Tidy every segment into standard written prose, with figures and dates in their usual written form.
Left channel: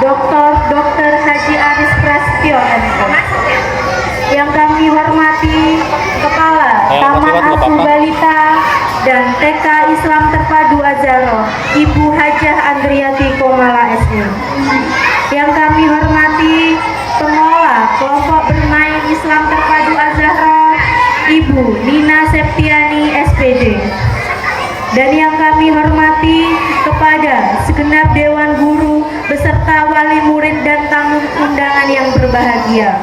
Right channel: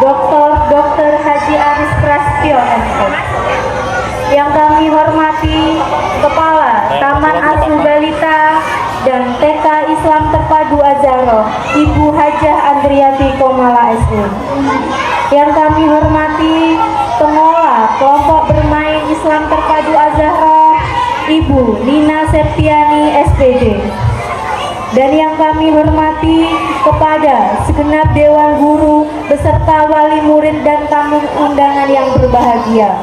Dr. Haji Aris Prasetyo MP. Yang kami hormati Kepala Taman Asuh Balita dan TK Islam Terpadu Azharo, Ibu Hajah Andriati Komala SE. Yang kami hormati Pengelola Kelompok Bermain Islam Terpadu Azharo, Ibu Nina Septiani SPD. Dan yang kami hormati kepada segenap Dewan Guru beserta wali murid dan tamu undangan yang berbahagia.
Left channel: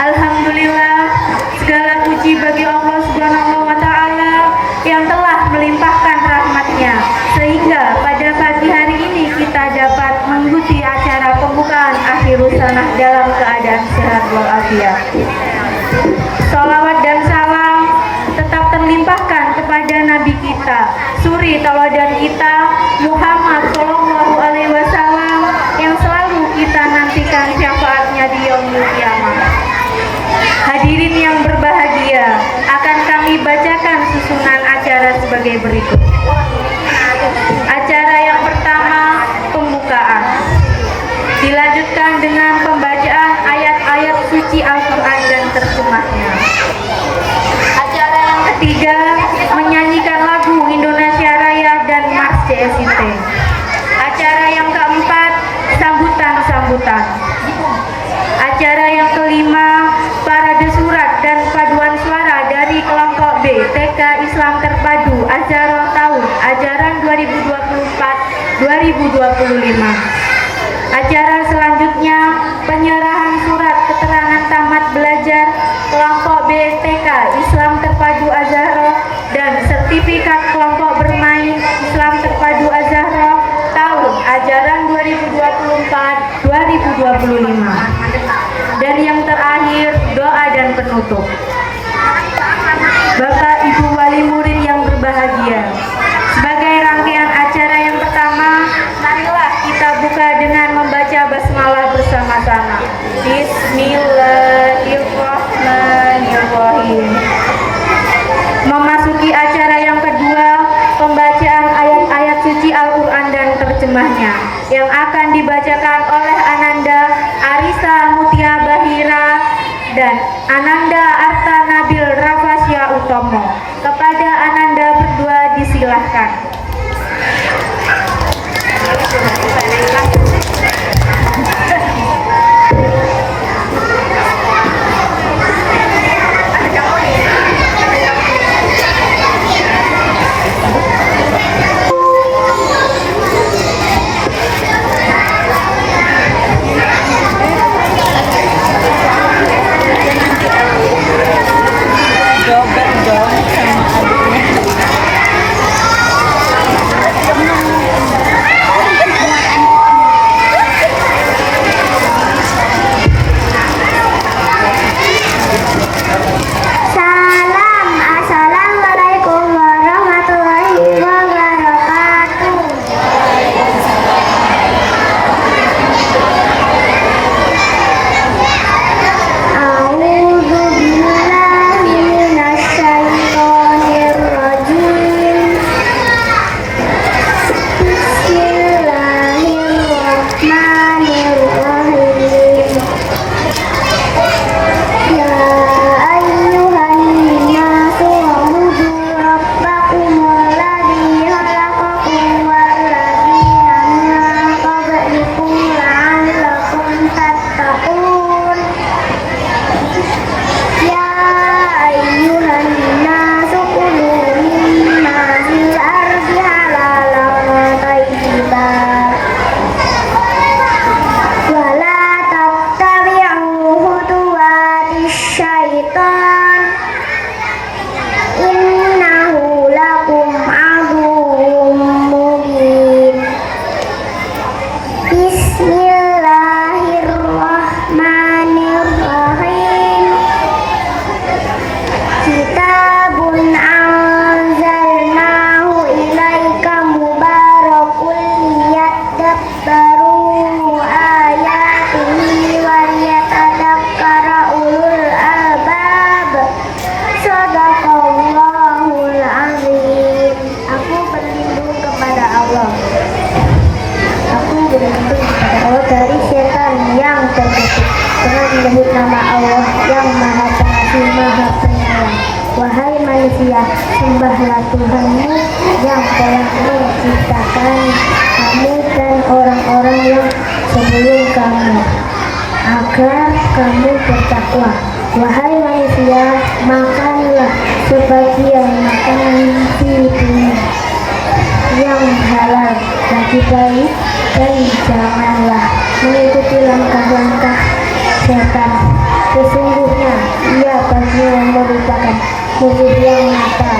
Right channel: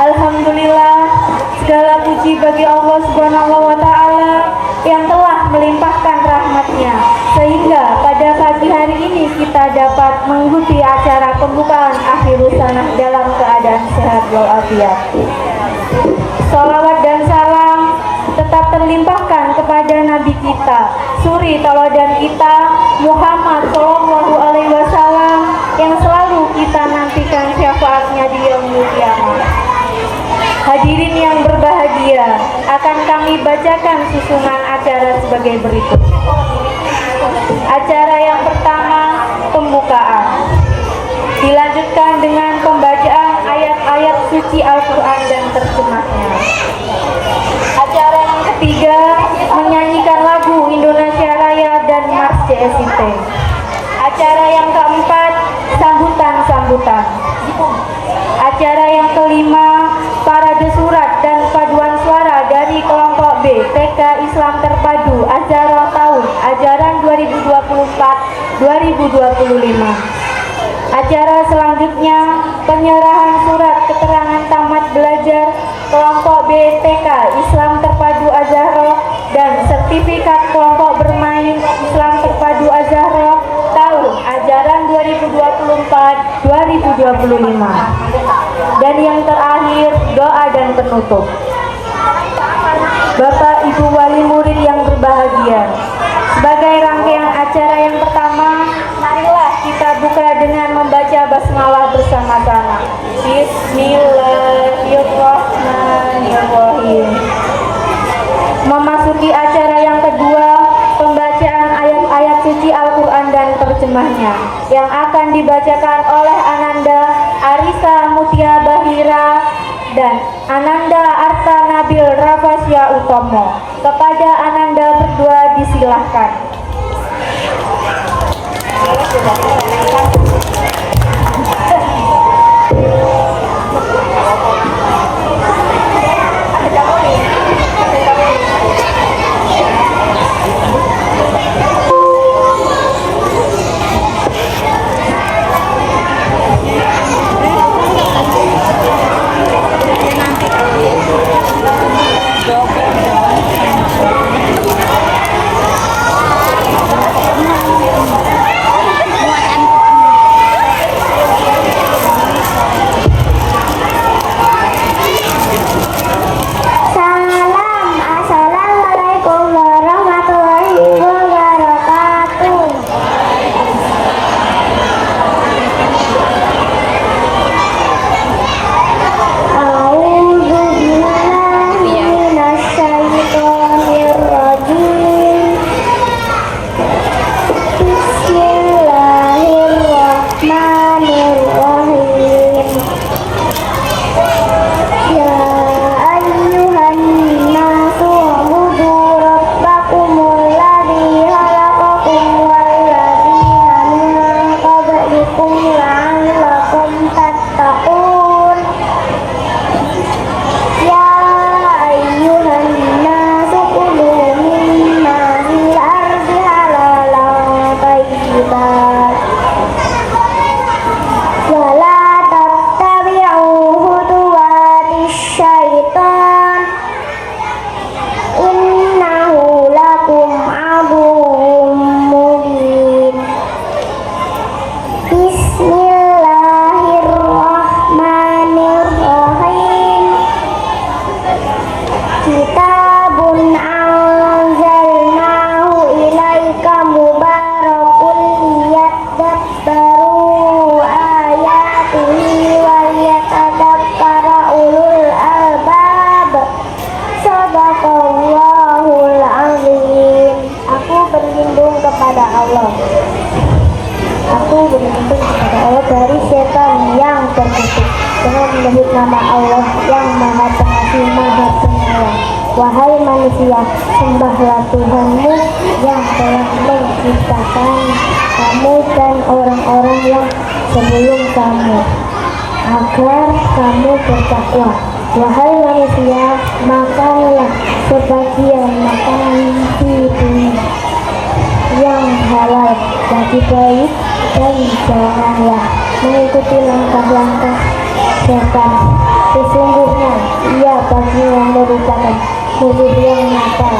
Alhamdulillah, segala puji bagi Allah Subhanahu wa Ta'ala yang telah melimpahkan rahmatnya sehingga pada pagi hari ini kita dapat mengikuti acara pembukaan Akhirus Sanah dalam keadaan sehat walafiat. Sholawat dan salam tetap terlimpahkan kepada Nabi kita, suri tauladan kita, Muhammad Shallallahu Alaihi Wasallam, yang selalu kita nantikan syafaatnya di yaumul qiyamah. Hadirin yang berbahagia, akan kami bacakan susunan acara sebagai berikut. Acara yang pertama, pembukaan. Dilanjutkan dengan pembacaan ayat-ayat suci Al-Quran dan terjemahnya. Acara yang ketiga, menyanyikan lagu Indonesia Raya dan Mars JSIT. Acara yang keempat, sambutan-sambutan. Acara yang kelima, parade surat dan paduan suara dari kelompok B TK Islam Terpadu Azharo tahun ajaran 2024-2025. Acara selanjutnya, penyerahan surat keterangan tamat belajar kelompok B TK Islam Terpadu Azharo dan sertifikat kelompok bermain Islam Terpadu Azharo tahun ajaran 2024-2025. Dan yang terakhir, doa dan penutup. Bapak Ibu wali murid yang berbahagia, sebagai rangkaian acara yang pertama, marilah kita buka dengan membaca basmalah bersama-sama. Bismillahirrahmanirrahim. Memasuki acara yang kedua, pembacaan ayat-ayat suci Al-Quran dan terjemahnya yang akan dibacakan oleh Ananda Arisa Mutia Bahira dan Ananda Arta Nabil Rafasya Utomo. Kepada Ananda berdua disilahkan. nama Allah yang Maha Pengasih Maha Penyayang. Wahai manusia, sembahlah Tuhanmu yang telah menciptakan kamu dan orang-orang yang sebelum kamu, agar kamu bertakwa. Wahai manusia, makanlah sebagian makanan di dunia yang halal bagi baik, dan janganlah mengikuti langkah-langkah setan. Sesungguhnya ia bagi yang merupakan musuh yang nyata.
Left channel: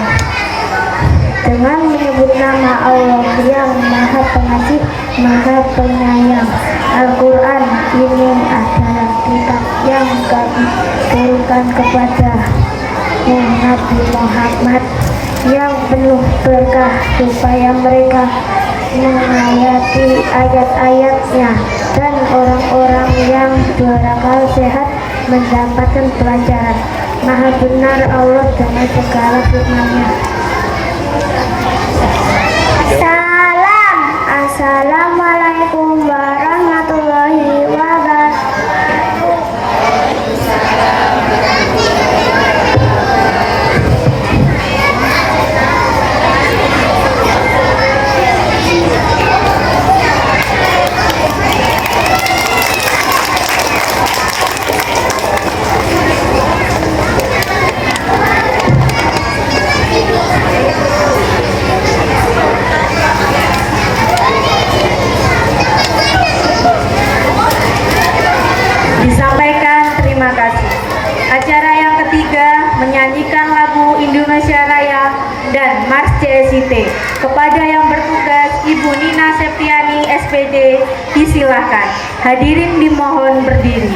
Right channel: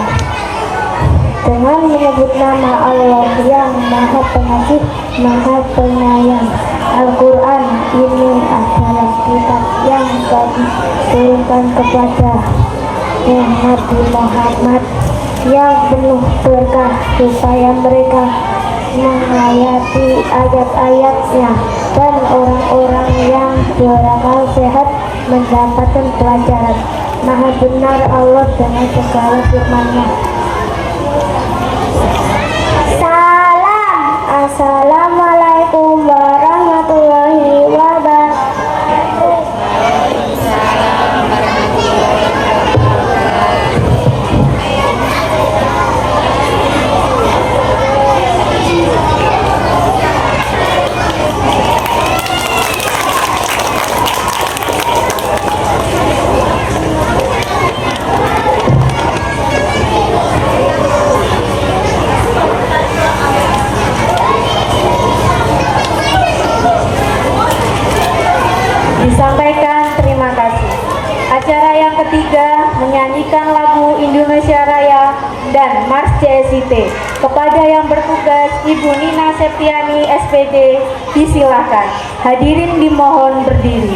Dengan menyebut nama Allah yang Maha Pengasih, Maha Penyayang, Al-Quran ini adalah kitab yang kami turunkan kepada Nabi Muhammad yang penuh berkah supaya mereka menghayati ayat-ayatnya dan orang-orang yang berakal sehat mendapatkan pelajaran. Maha benar Allah dengan segala firman-Nya. Salam. Assalamualaikum warahmatullahi wabarakatuh. Disampaikan terima kasih. Acara yang ketiga menyanyikan lagu Indonesia Raya dan Mars CSIT. Kepada yang bertugas Ibu Nina Septiani SPD disilahkan. Hadirin dimohon berdiri.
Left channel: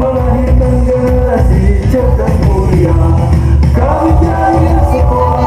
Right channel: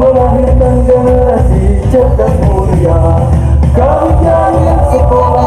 Melahirkan generasi cerdas mulia. Kami jaya sekolah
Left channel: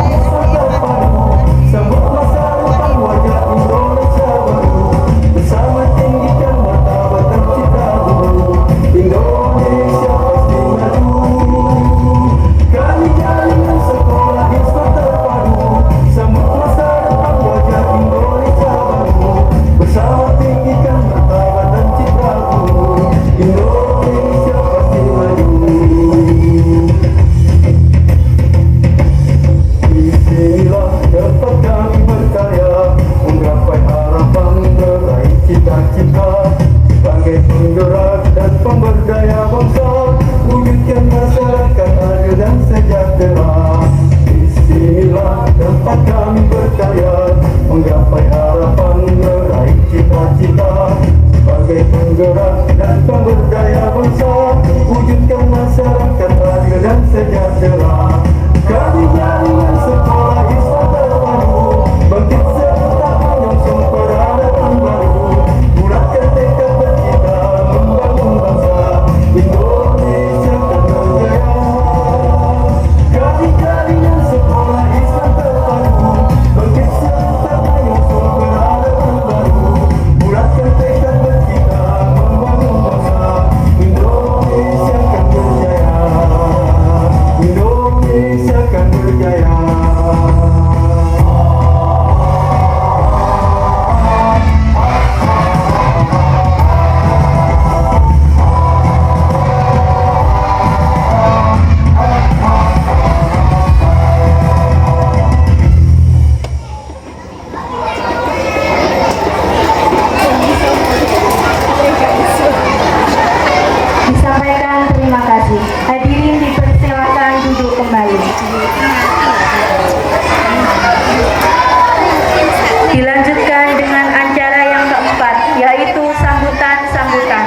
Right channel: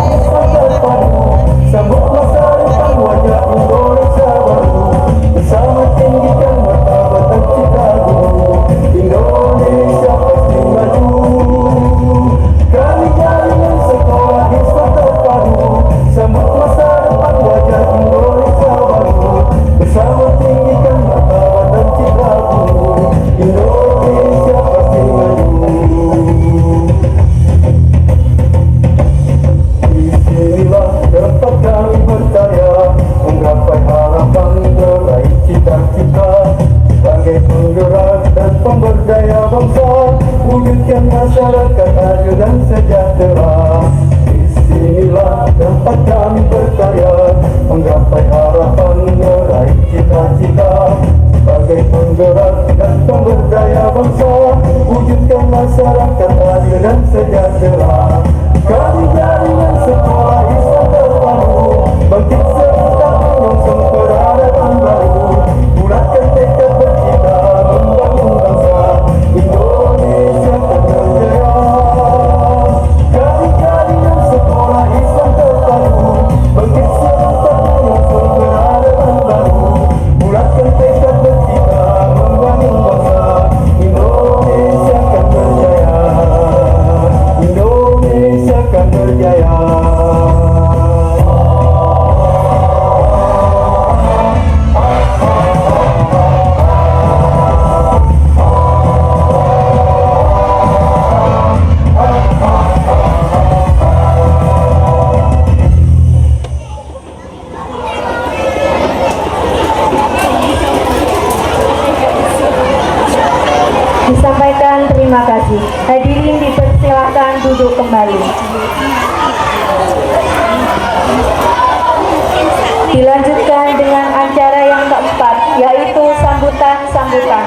pemberdaya bangsa, wujudkan masyarakat adil dan sejahtera. Disinilah tempat kami berkarya, menggapai harapan, meraih cita-cita. Sebagai penggerak dan pemberdaya bangsa, wujudkan masyarakat adil dan sejahtera. Kami jaringan sekolah Islam terpadu, bangkit serentak menyongsong peradaban baru. Bulatkan tekad bercita membangun bangsa Indonesia terjaya. Kami jaringan sekolah Islam terpadu, bangkit serentak menyongsong peradaban baru. Bulatkan tekad bercita membangun bangsa Indonesia akan berjaya. Indonesia akan berjaya. Disampaikan terima kasih. Hadirin dipersilakan duduk kembali. Dilanjutkan dengan acara yang keempat, yaitu sambutan-sambutan.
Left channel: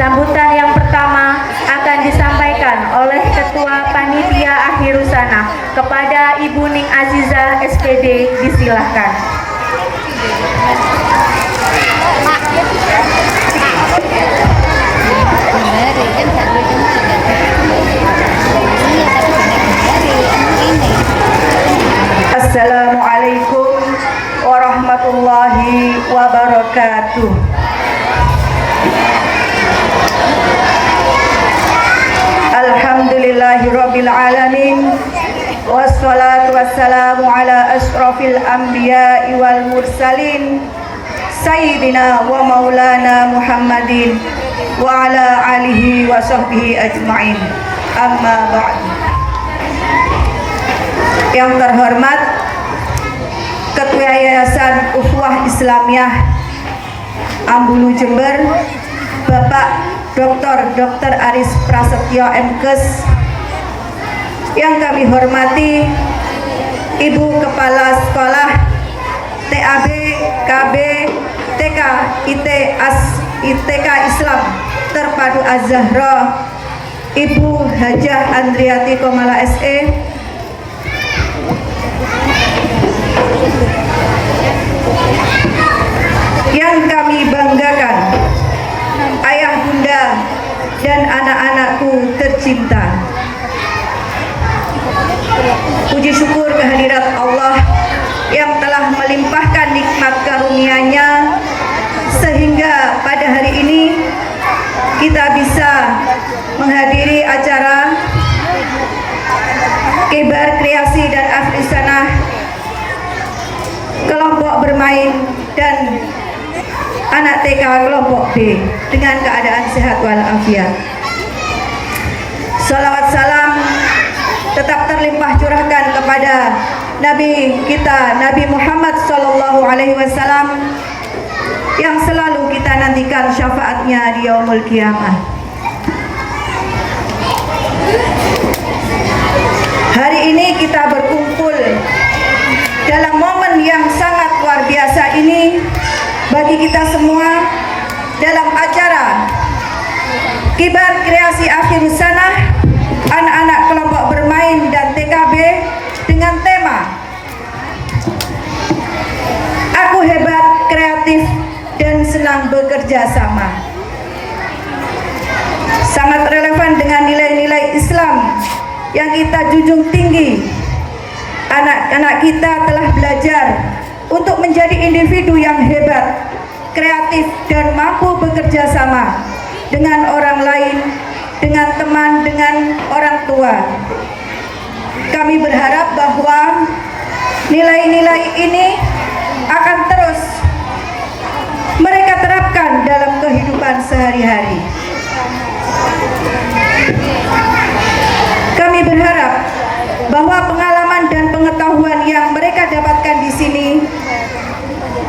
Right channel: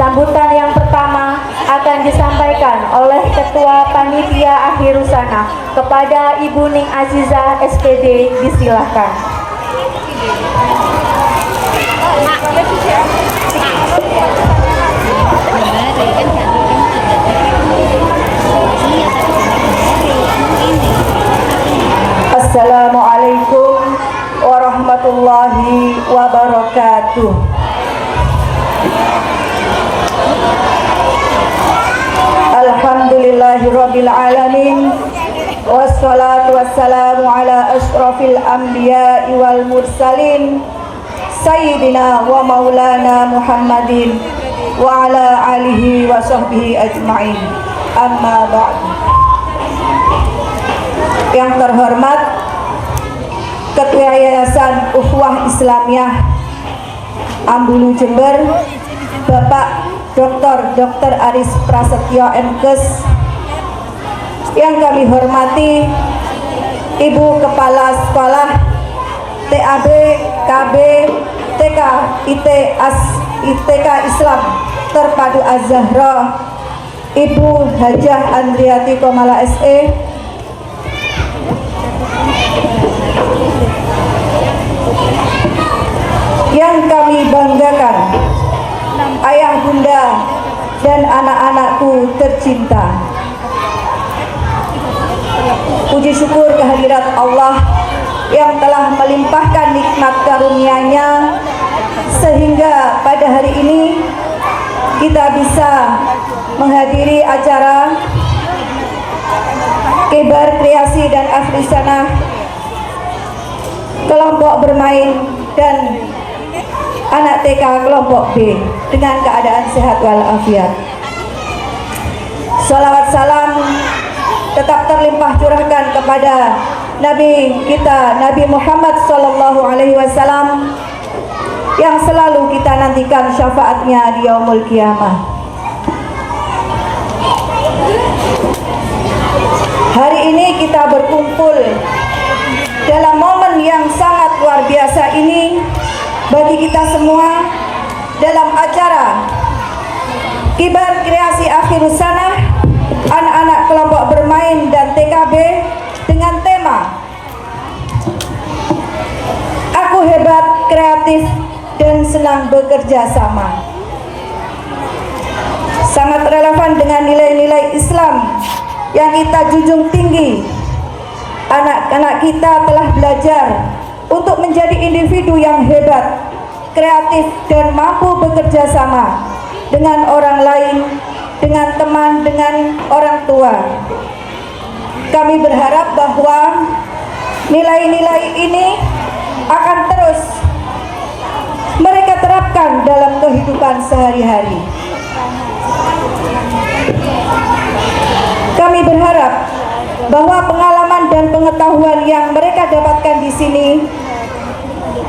Sambutan yang pertama akan disampaikan oleh Ketua Panitia Akhirusana kepada Ibu Ning Azizah SPD. Disilahkan. Assalamualaikum warahmatullahi wabarakatuh. Alhamdulillahirabbil alamin. Wassalatu wassalamu ala asyrafil anbiya'i wal mursalin sayyidina wa maulana Muhammadin wa ala alihi wa sahbihi ajma'in. Amma ba'd. Yang terhormat Ketua Yayasan Ukhuwah Islamiyah Ambulu Jember, Bapak Dr. Aris Prasetyo MKes. Yang kami hormati Ibu Kepala Sekolah TAB, KB, TK, ITK Islam Terpadu Az-Zahra, Ibu Hajah Andriati Komala SE. Yang kami banggakan, ayah bunda dan anak-anakku tercinta. Puji syukur kehadirat Allah yang telah melimpahkan nikmat karunia-Nya sehingga pada hari ini kita bisa menghadiri acara Kibar Kreasi dan Akhirusana kelompok bermain dan anak TK kelompok B dengan keadaan sehat walafiat. Salawat salam tetap terlimpah curahkan kepada Nabi kita, Nabi Muhammad SAW, yang selalu kita nantikan syafaatnya di yaumul qiyamah. Hari ini kita berkumpul dalam momen yang sangat luar biasa ini bagi kita semua dalam acara Kibar Kreasi Akhirusana anak-anak kelompok bermain dan TKB dengan tema Aku Hebat, Kreatif, dan Senang Bekerja Sama. Sangat relevan dengan nilai-nilai Islam yang kita junjung tinggi. Anak-anak kita telah belajar untuk menjadi individu yang hebat, kreatif, dan mampu bekerja sama dengan orang lain, dengan teman, dengan orang tua. Kami berharap bahwa nilai-nilai ini akan terus mereka terapkan dalam kehidupan sehari-hari. Kami berharap bahwa pengalaman dan pengetahuan yang mereka dapatkan di sini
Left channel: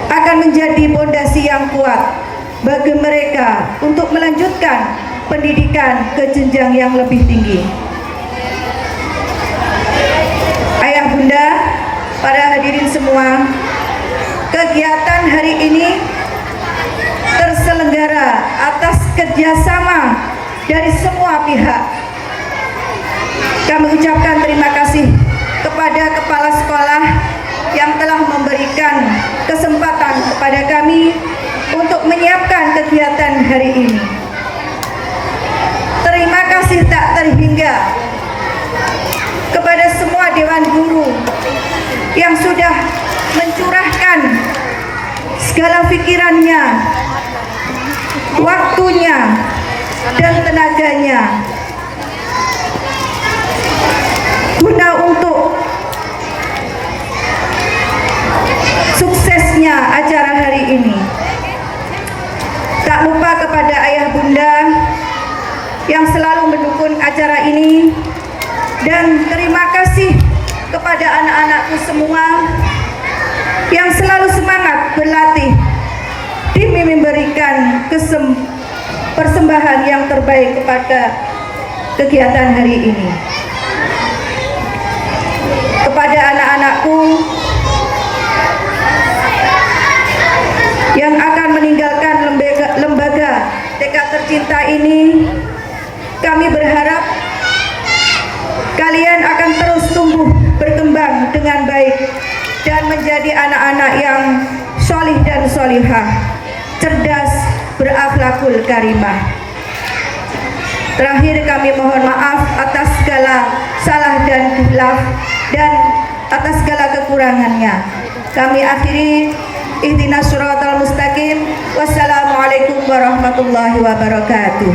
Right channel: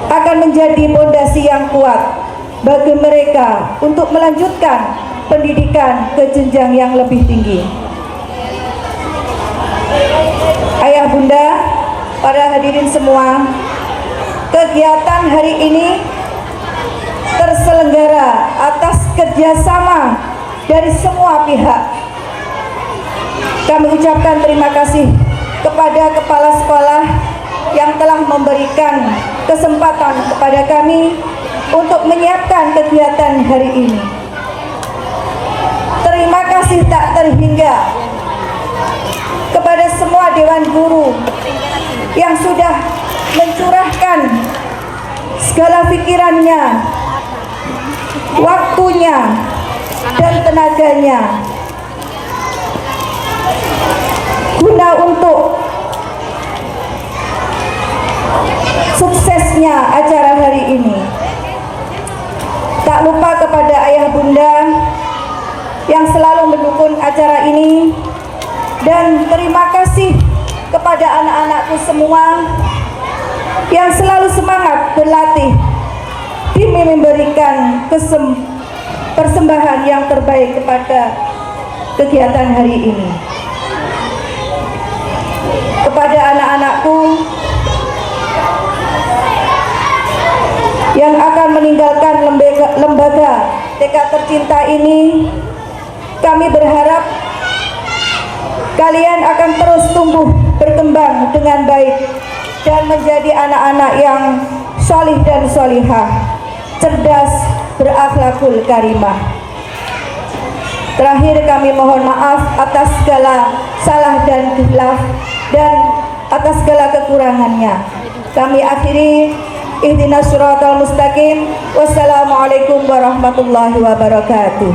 akan menjadi pondasi yang kuat bagi mereka untuk melanjutkan pendidikan ke jenjang yang lebih tinggi. Ayah bunda, para hadirin semua, kegiatan hari ini terselenggara atas kerjasama dari semua pihak. Kami ucapkan terima kasih kepada kepala sekolah yang telah memberikan kesempatan kepada kami untuk menyiapkan kegiatan hari ini. Terima kasih tak terhingga kepada semua dewan guru yang sudah mencurahkan segala pikirannya, waktunya, dan tenaganya guna untuk suksesnya acara hari ini. Tak lupa kepada ayah bunda yang selalu mendukung acara ini, dan terima kasih kepada anak-anakku semua yang selalu semangat berlatih demi memberikan persembahan yang terbaik kepada kegiatan hari ini. Kepada anak-anakku yang akan meninggalkan lembaga TK tercinta ini, kami berharap kalian akan terus tumbuh berkembang dengan baik dan menjadi anak-anak yang solih dan solihah, cerdas, berakhlakul karimah. Terakhir, kami mohon maaf atas segala salah dan khilaf dan atas segala kekurangannya. Kami akhiri, ihdinas siratal mustaqim. Wassalamualaikum warahmatullahi wabarakatuh.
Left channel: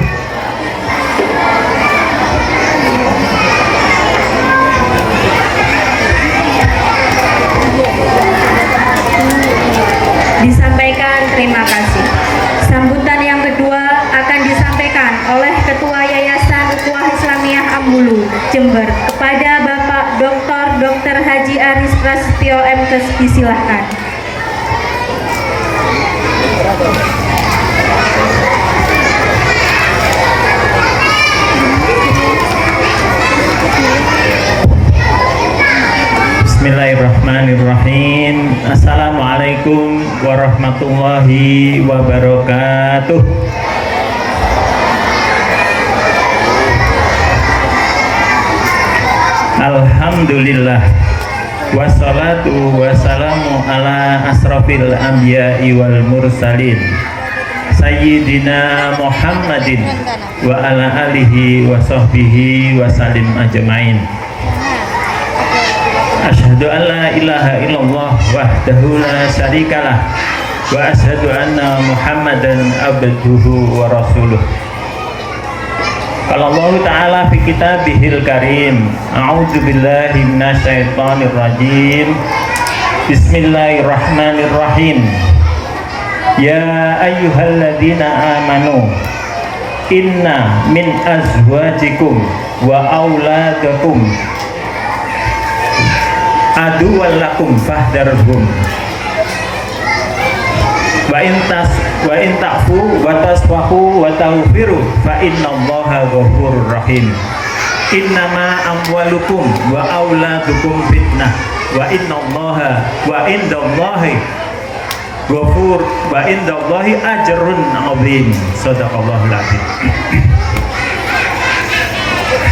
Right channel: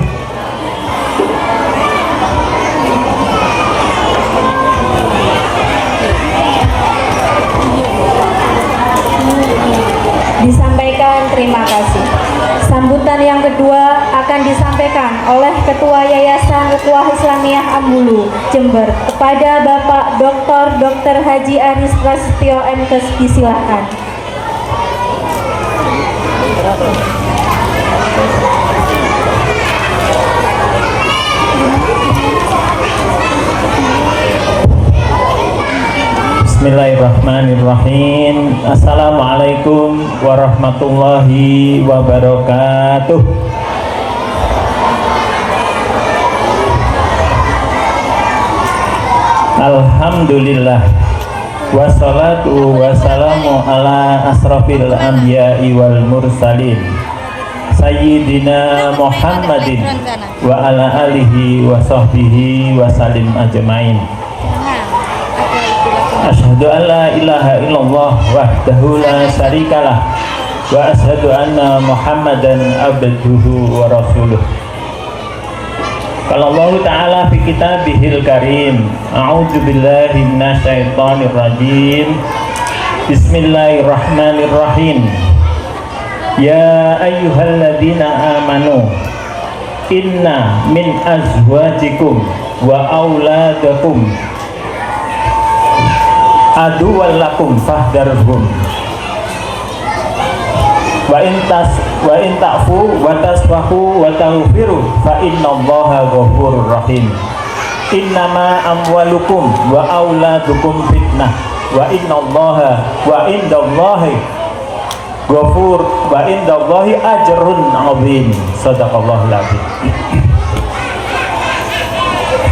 Disampaikan terima kasih. Sambutan yang kedua akan disampaikan oleh Ketua Yayasan Ukhuwah Islamiyah Ambulu, Jember, kepada Bapak Dr. Haji Aris Prasetyo MTes. Disilahkan. Bismillahirrahmanirrahim. Assalamualaikum warahmatullahi wabarakatuh. Alhamdulillah, wassalatu wassalamu ala asrafil anbiya'i wal mursalin, Sayyidina Muhammadin wa ala alihi wa sahbihi wa salim ajmain. Asyhadu an la ilaha illallah wahdahu la syarikalah wa asyhadu anna Muhammadan abduhu wa rasuluh. Qala Allah Ta'ala fi kitabihil karim, a'udzu billahi minasyaitonir rajim. Bismillahirrahmanirrahim. Ya ayyuhalladzina amanu, inna min azwajikum wa auladakum aduwwan lakum fahdharhum wa in ta'fu wa tasfahu wa taghfiru fa innallaha ghafurur rahim. Innama amwalukum wa auladukum fitnah wa innallaha wa indallahi ghafur wa indallahi ajrun 'azim. Shadaqallahul 'azim.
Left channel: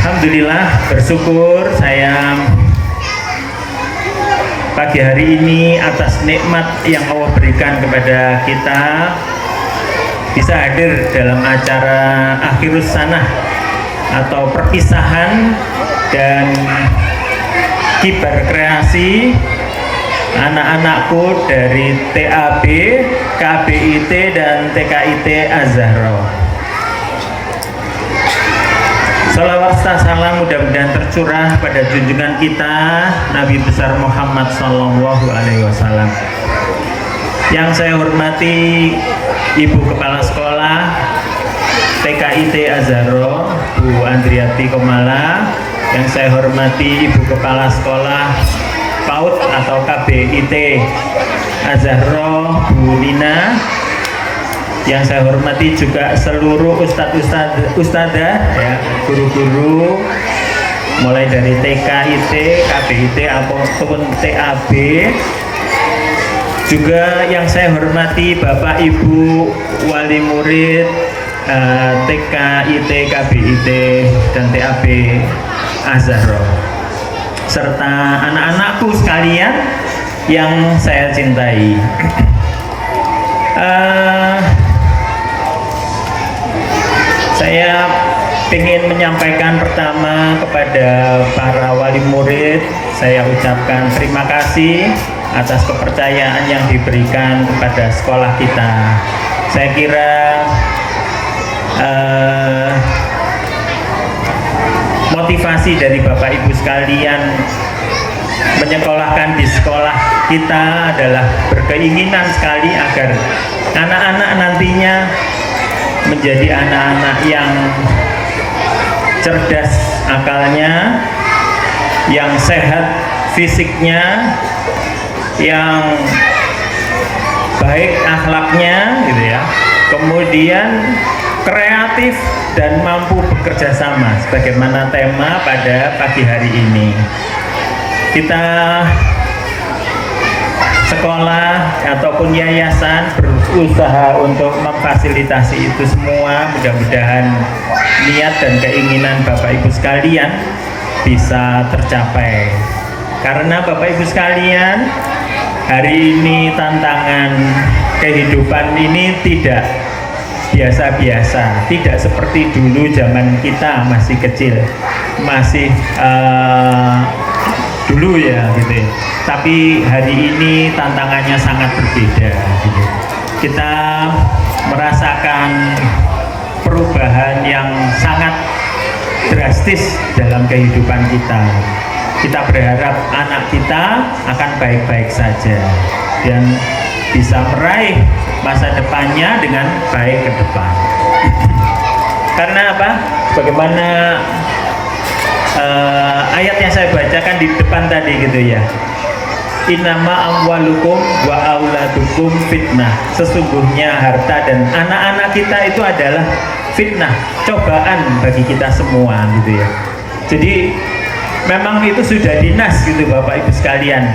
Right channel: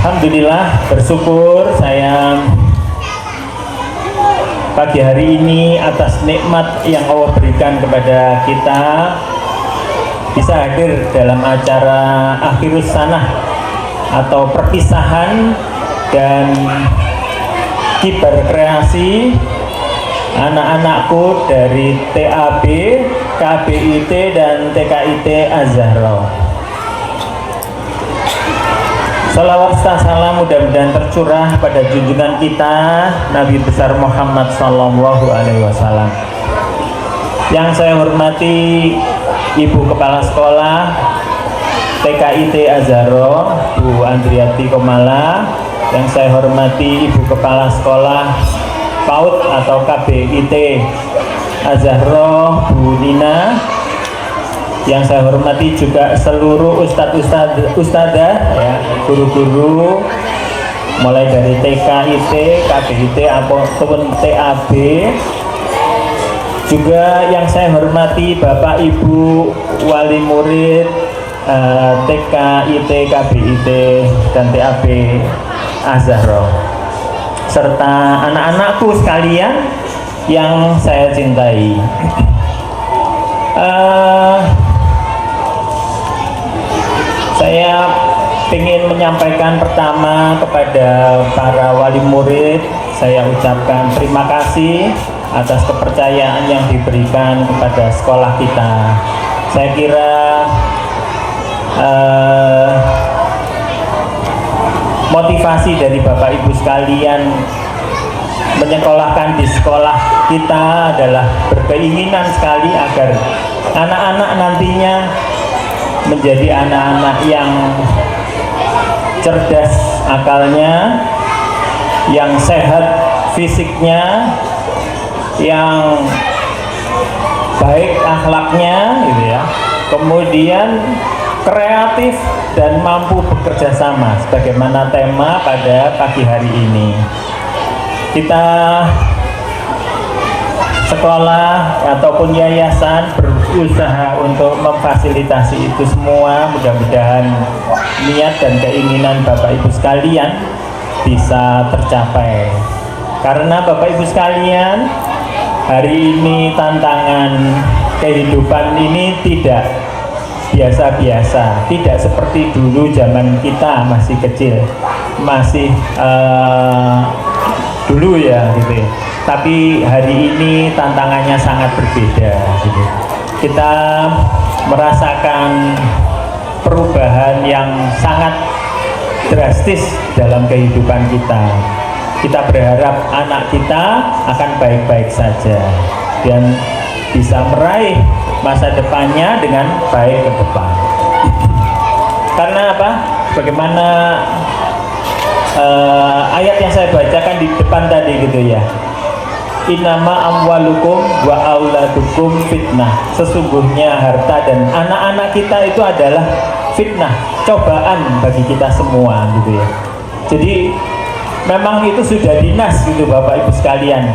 Alhamdulillah, bersyukur saya pagi hari ini atas nikmat yang Allah berikan kepada kita bisa hadir dalam acara akhirus sanah atau perpisahan dan kibar kreasi anak-anakku dari TAB, KBIT dan TKIT Az-Zahra. Salawat serta salam mudah-mudahan tercurah pada junjungan kita Nabi besar Muhammad Sallallahu Alaihi Wasallam. Yang saya hormati Ibu Kepala Sekolah TKIT Az-Zahra, Bu Andriati Komala. Yang saya hormati Ibu Kepala Sekolah PAUD atau KBIT Az-Zahra, Bu Nina. Yang saya hormati juga seluruh ustadzah ya, guru-guru mulai dari TK, IT, KBIT ataupun TAB. Juga yang saya hormati Bapak Ibu wali murid TK, IT, KBIT dan TAB Azharo, serta anak-anakku sekalian yang saya cintai. Saya ingin menyampaikan pertama kepada para wali murid, saya ucapkan terima kasih atas kepercayaan yang diberikan kepada sekolah kita. Saya kira motivasi dari Bapak Ibu sekalian menyekolahkan di sekolah kita adalah berkeinginan sekali agar anak-anak nantinya menjadi anak-anak yang cerdas akalnya, yang sehat fisiknya, yang baik akhlaknya gitu ya, kemudian kreatif dan mampu bekerja sama sebagaimana tema pada pagi hari ini. Kita sekolah ataupun yayasan berusaha untuk memfasilitasi itu semua. Mudah-mudahan niat dan keinginan Bapak Ibu sekalian bisa tercapai. Karena Bapak Ibu sekalian, hari ini tantangan kehidupan ini tidak biasa-biasa, tidak seperti dulu zaman kita masih kecil, masih dulu ya gitu ya. Tapi hari ini tantangannya sangat berbeda gitu. Kita merasakan perubahan yang sangat drastis dalam kehidupan kita. Kita berharap anak kita akan baik-baik saja dan bisa meraih masa depannya dengan baik ke depan. Karena apa? Bagaimana ayat yang saya bacakan di depan tadi gitu ya. Innama amwalukum wa auladukum fitnah. Sesungguhnya harta dan anak-anak kita itu adalah fitnah, cobaan bagi kita semua gitu ya. Jadi memang itu sudah dinas gitu Bapak Ibu sekalian.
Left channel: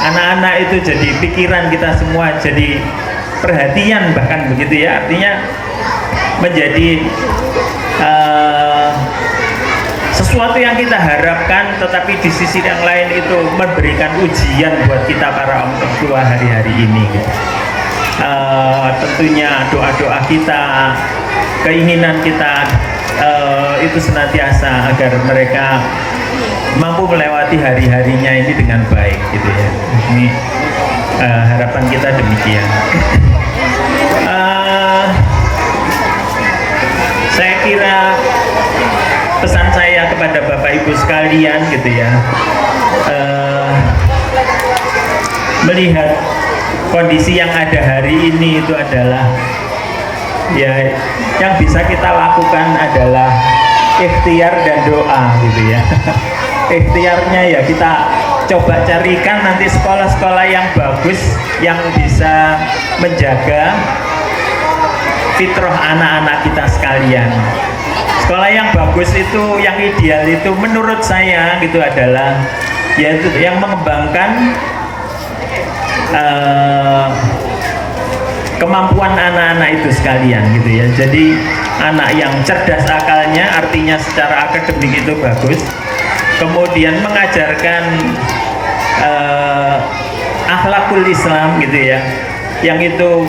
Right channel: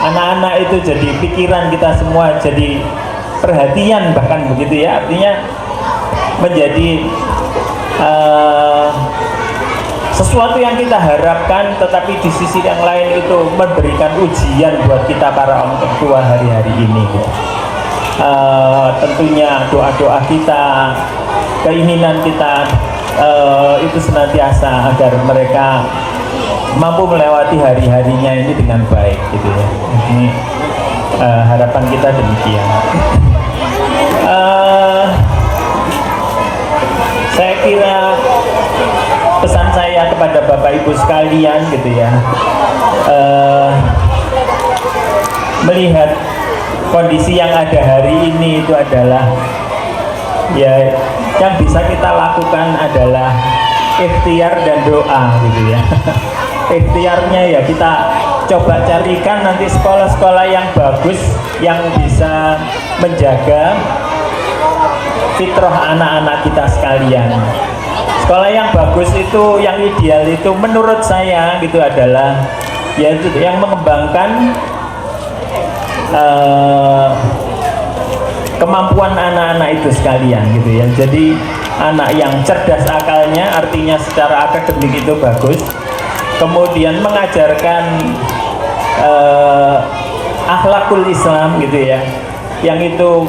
Anak-anak itu jadi pikiran kita semua, jadi perhatian bahkan begitu ya. Artinya menjadi sesuatu yang kita harapkan, tetapi di sisi yang lain itu memberikan ujian buat kita para orang tua hari-hari ini gitu. Tentunya doa-doa kita, keinginan kita itu senantiasa agar mereka mampu melewati hari-harinya ini dengan baik gitu ya. Ini harapan kita demikian. Saya kira pesan saya kepada Bapak Ibu sekalian gitu ya, melihat kondisi yang ada hari ini itu adalah ya, yang bisa kita lakukan adalah ikhtiar dan doa gitu ya. Ikhtiarnya ya kita coba carikan nanti sekolah-sekolah yang bagus, yang bisa menjaga fitrah anak-anak kita sekalian. Sekolah yang bagus itu, yang ideal itu menurut saya gitu adalah yaitu yang mengembangkan kemampuan anak-anak itu sekalian gitu ya. Jadi anak yang cerdas akalnya, artinya secara akademik itu bagus, kemudian mengajarkan akhlakul Islam gitu ya, yang itu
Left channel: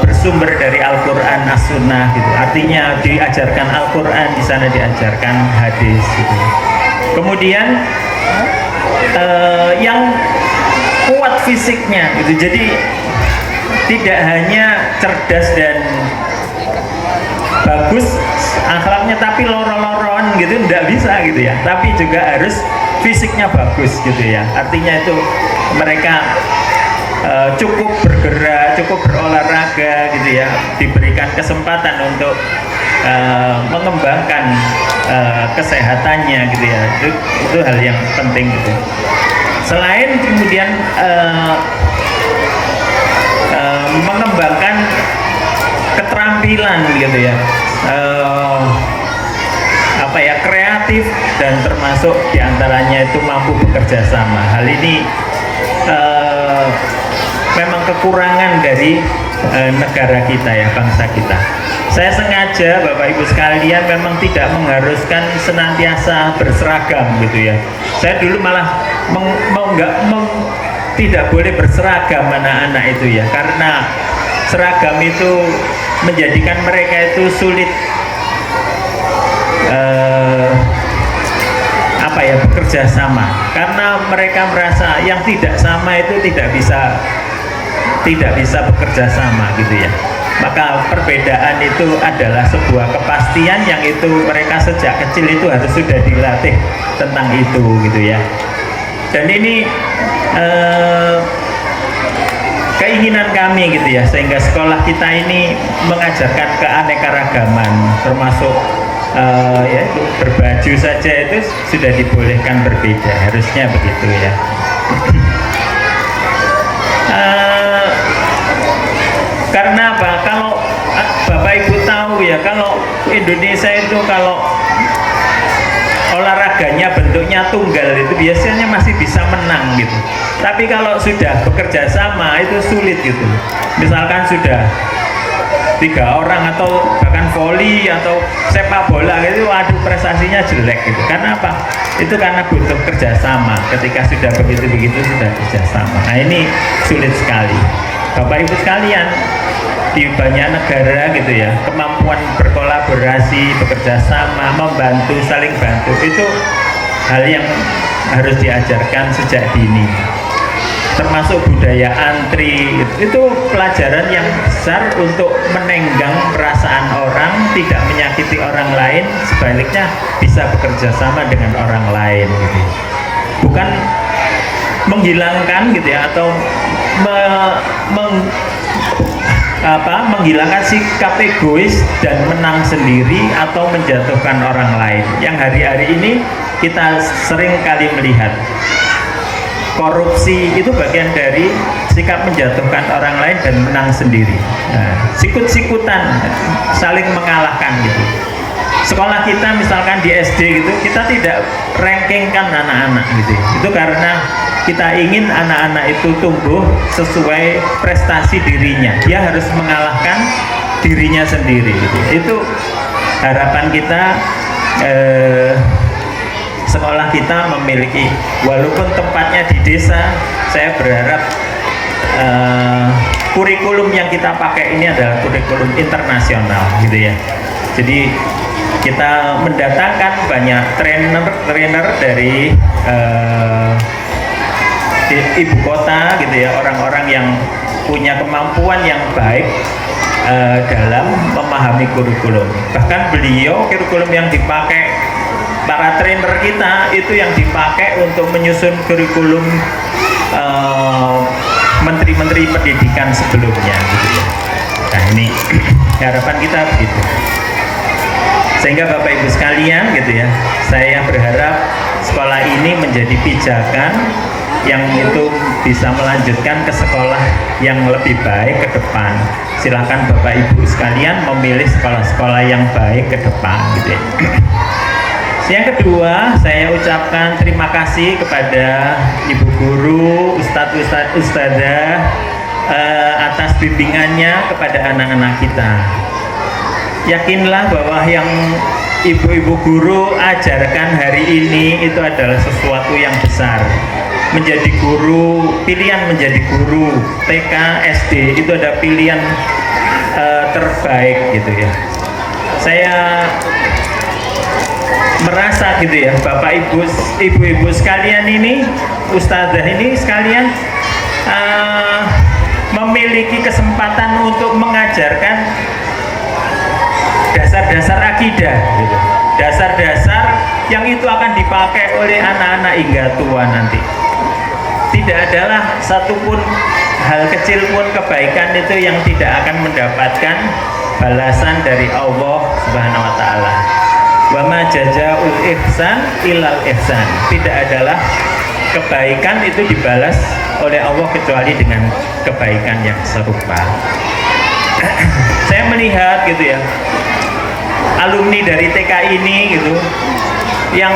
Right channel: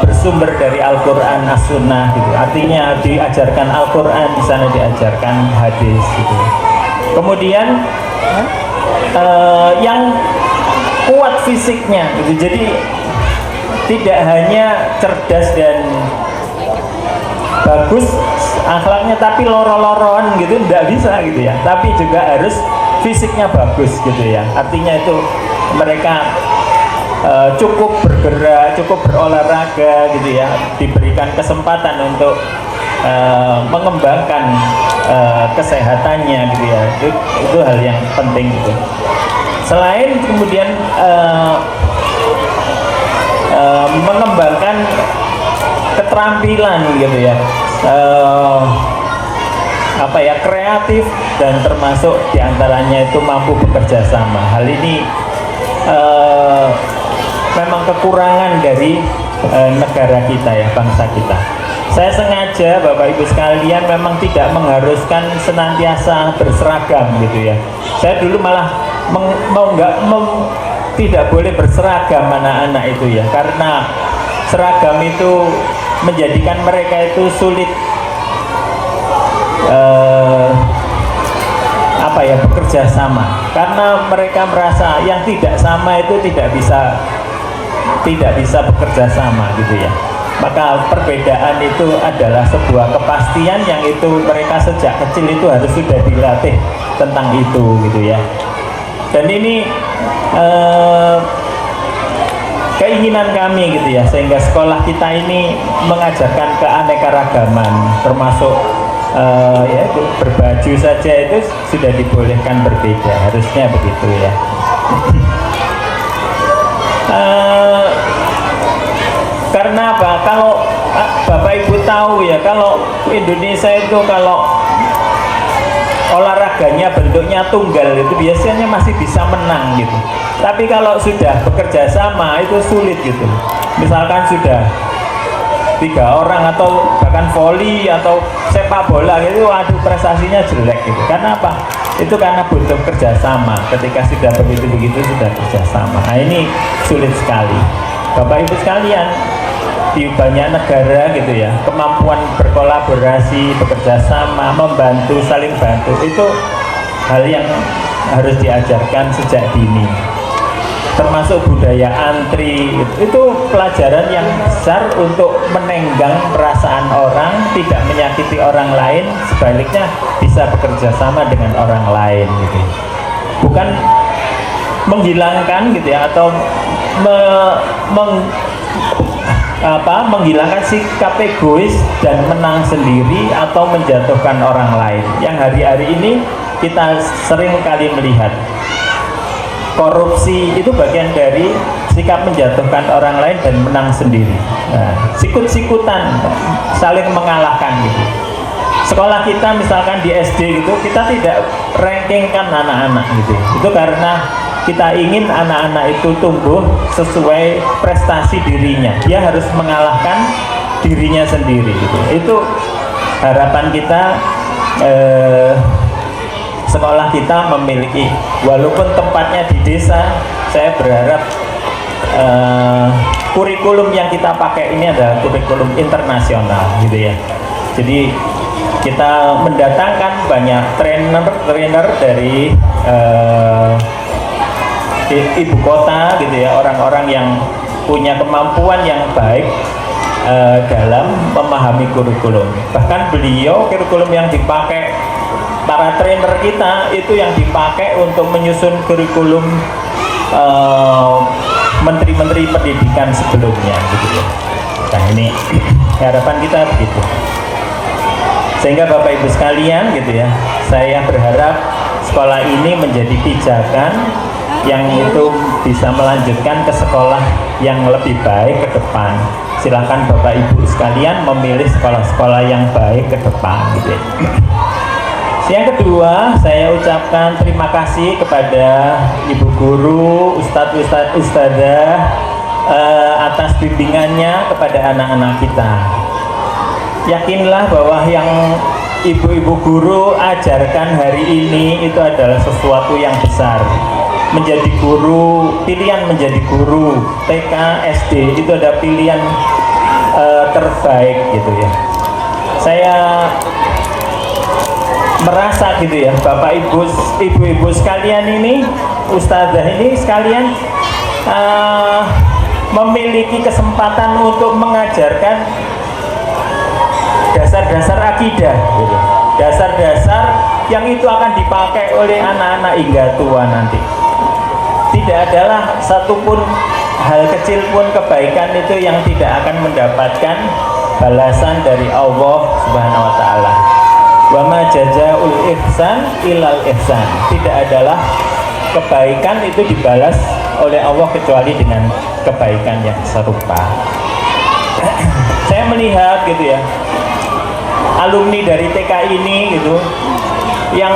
bersumber dari Al-Quran, As-Sunnah gitu. Artinya diajarkan Al-Quran, di sana diajarkan hadis gitu. Kemudian yang kuat fisiknya gitu. Jadi tidak hanya cerdas dan bagus akhlaknya tapi loro-loron gitu, tidak bisa gitu ya. Tapi juga harus fisiknya bagus gitu ya. Artinya itu mereka cukup bergerak, cukup berolahraga gitu ya, diberikan kesempatan untuk mengembangkan kesehatannya gitu ya. Itu hal yang penting gitu. Selain kemudian mengembangkan keterampilan gitu ya, kreatif, dan termasuk diantaranya itu mampu bekerja sama. Hal ini memang kekurangan dari negara kita ya, bangsa kita. Saya sengaja Bapak Ibu sekalian memang tidak mengharuskan senantiasa berseragam gitu ya. Saya dulu malah tidak boleh berseragam anak-anak itu ya, karena seragam itu menjadikan mereka itu sulit bekerja sama, karena mereka merasa yang tidak sama itu tidak bisa bekerja sama gitu ya. Maka perbedaan itu adalah sebuah kepastian yang itu mereka sejak kecil itu harus sudah dilatih tentang itu gitu ya. Dan ini keinginan kami gitu ya, sehingga sekolah kita ini mengajarkan keanekaragaman, termasuk yaitu berbaju saja itu sudah dibolehkan berbeda, harusnya begitu ya. Karena apa? Kalau Bapak Ibu tahu ya, kalau Indonesia itu kalau olahraganya bentuknya tunggal itu biasanya masih bisa menang gitu. Tapi kalau sudah bekerja sama itu sulit gitu. Misalkan sudah 3 orang atau bahkan voli atau sepak bola gitu, aduh prestasinya jelek gitu. Karena apa? Itu karena butuh kerjasama. Ketika sudah begitu sudah kerjasama. Nah ini sulit sekali. Bapak Ibu sekalian, di banyak negara gitu ya, kemampuan berkolaborasi, bekerja sama, membantu, saling bantu itu hal yang harus diajarkan sejak dini. Termasuk budaya antri, itu pelajaran yang besar untuk menenggang perasaan orang, tidak menyakiti orang lain, sebaliknya bisa bekerja sama dengan orang lain gitu. Bukan menghilangkan gitu ya, atau menghilangkan sikap egois dan menang sendiri atau menjatuhkan orang lain. Yang hari-hari ini kita sering kali melihat korupsi itu bagian dari sikap menjatuhkan orang lain dan menang sendiri. Nah, sikut-sikutan, saling mengalahkan gitu. Sekolah kita misalkan di SD gitu, kita tidak rankingkan anak-anak gitu. Itu karena kita ingin anak-anak itu tumbuh sesuai prestasi dirinya. Dia harus mengalahkan dirinya sendiri gitu. Itu harapan kita, sekolah kita memiliki, walaupun tempatnya di desa, saya berharap kurikulum yang kita pakai ini adalah kurikulum internasional gitu ya. Jadi kita mendatangkan banyak trainer dari ibu kota gitu ya, orang-orang yang punya kemampuan yang baik dalam memahami kurikulum. Bahkan beliau, kurikulum yang dipakai para trainer kita itu yang dipakai untuk menyusun kurikulum menteri-menteri pendidikan sebelumnya gitu ya. Nah ini harapan kita begitu. Sehingga Bapak Ibu sekalian gitu ya, saya berharap sekolah ini menjadi pijakan yang itu bisa melanjutkan ke sekolah yang lebih baik ke depan. Silakan Bapak Ibu sekalian memilih sekolah-sekolah yang baik ke depan gitu ya. Yang kedua, saya ucapkan terima kasih kepada Ibu Guru, Ustadzah atas bimbingannya kepada anak-anak kita. Yakinlah bahwa yang ibu-ibu guru ajarkan hari ini itu adalah sesuatu yang besar. Menjadi guru, pilihan menjadi guru TK, SD itu ada pilihan terbaik gitu ya. Saya merasa gitu ya, Bapak Ibu, ibu-ibu sekalian ini, ustazah ini sekalian memiliki kesempatan untuk mengajarkan dasar-dasar akidah gitu. Dasar-dasar yang itu akan dipakai oleh anak-anak hingga tua nanti. Tidak adalah satupun hal kecil pun kebaikan itu yang tidak akan mendapatkan balasan dari Allah Subhanahu wa taala. Wa ma jazaa'ul ihsan ilal ihsan. Tidak adalah kebaikan itu dibalas oleh Allah kecuali dengan kebaikan yang serupa. saya melihat gitu ya, alumni dari TK ini gitu, yang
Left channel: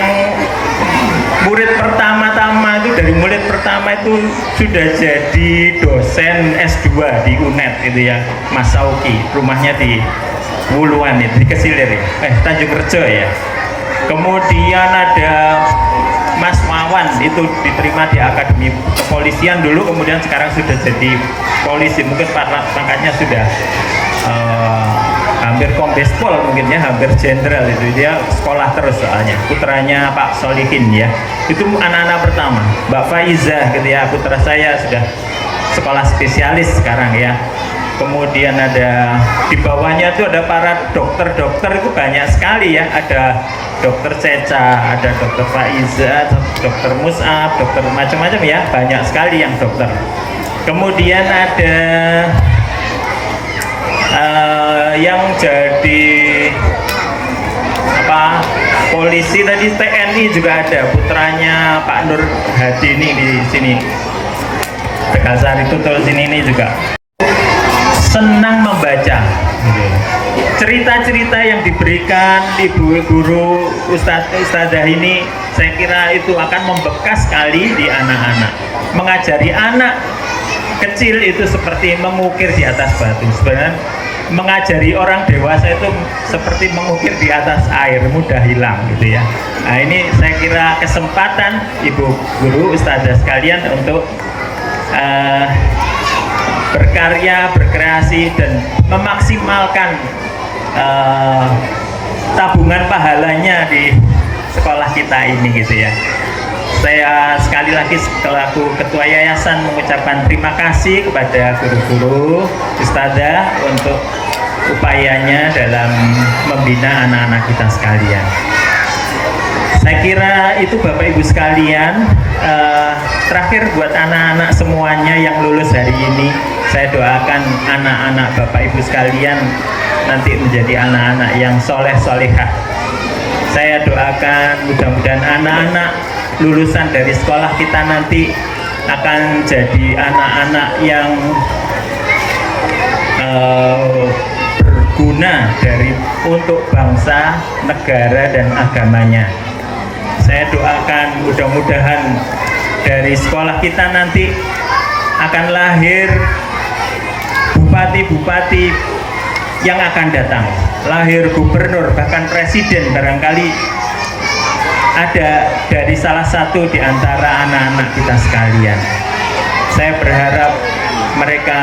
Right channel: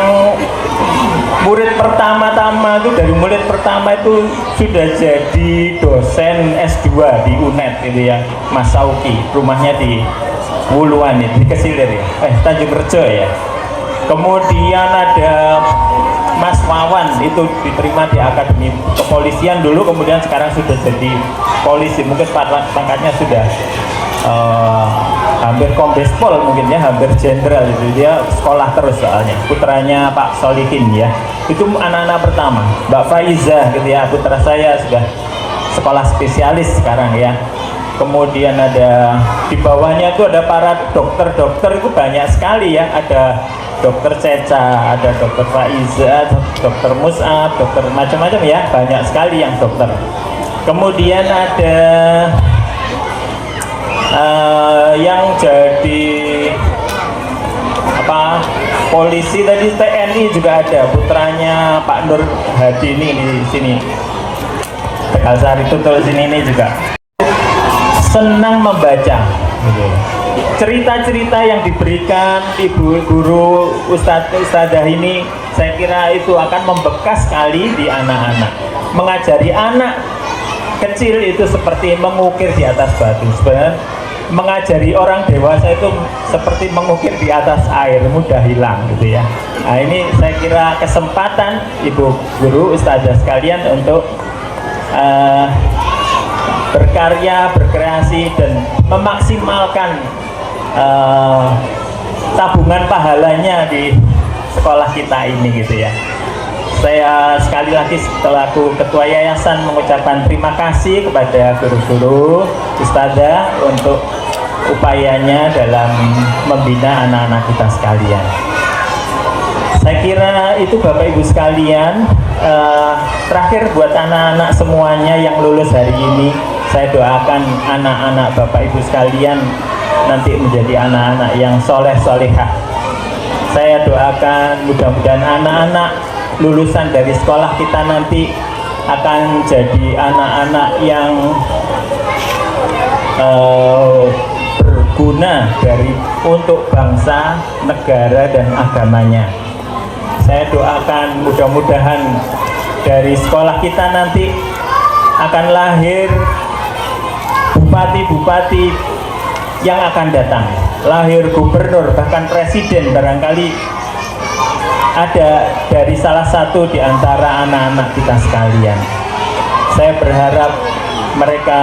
murid pertama-tama itu dari murid pertama itu sudah jadi dosen S2 di UNED gitu ya, Mas Sauki, rumahnya di Wuluan itu, di Kesilir ya, Tanjung Rejo ya. Kemudian ada Mas Wawan, itu diterima di Akademi Kepolisian dulu, kemudian sekarang sudah jadi polisi, mungkin pangkatnya sudah hampir kombes pol mungkin ya, hampir jenderal itu. Dia sekolah terus soalnya, putranya Pak Solihin ya, itu anak-anak pertama. Mbak Faiza gitu ya, putra saya sudah sekolah spesialis sekarang ya. Kemudian ada di bawahnya itu ada para dokter-dokter, itu banyak sekali ya, ada dokter Ceca, ada dokter Faiza, dokter Mus'ab, dokter macam-macam ya, banyak sekali yang dokter. Kemudian ada yang jadi apa, polisi tadi, TNI juga ada, putranya Pak Nur Hadi ini di sini, Tegal Sari Tutul sini ini juga senang membaca gitu. Cerita-cerita yang diberikan ibu guru ustadzah ini, saya kira itu akan membekas sekali di anak-anak. Mengajari anak kecil itu seperti mengukir di atas batu. Sebenarnya mengajari orang dewasa itu seperti mengukir di atas air, mudah hilang gitu ya. Nah, ini saya kira kesempatan ibu guru ustadzah sekalian untuk berkarya, berkreasi, dan memaksimalkan tabungan pahalanya di sekolah kita ini gitu ya. Saya sekali lagi selaku ketua yayasan mengucapkan terima kasih kepada guru-guru ustadzah untuk upayanya dalam membina anak-anak kita sekalian. Saya kira itu Bapak Ibu sekalian. Terakhir buat anak-anak semuanya yang lulus hari ini, saya doakan anak-anak Bapak Ibu sekalian nanti menjadi anak-anak yang soleh solehah. Saya doakan mudah-mudahan anak-anak lulusan dari sekolah kita nanti akan jadi anak-anak yang berguna untuk bangsa, negara, dan agamanya. Saya doakan mudah-mudahan dari sekolah kita nanti akan lahir bupati-bupati yang akan datang, lahir gubernur, bahkan presiden barangkali ada dari salah satu di antara anak-anak kita sekalian. Saya berharap mereka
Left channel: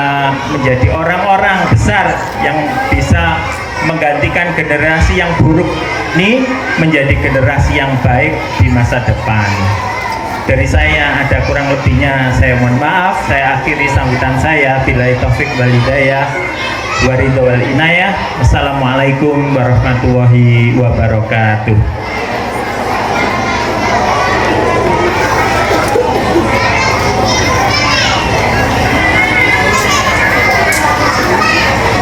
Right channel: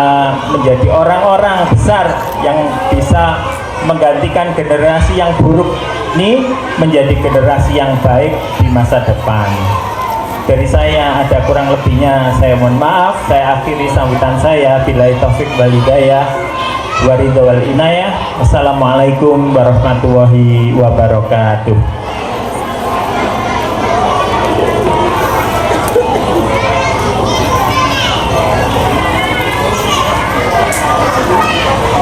menjadi orang-orang besar yang bisa menggantikan generasi yang buruk ini menjadi generasi yang baik di masa depan. Dari saya ada kurang lebihnya, saya mohon maaf. Saya akhiri sambutan saya. Billahi taufik wal hidayah, waridho wal inayah. Wassalamualaikum warahmatullahi wabarakatuh.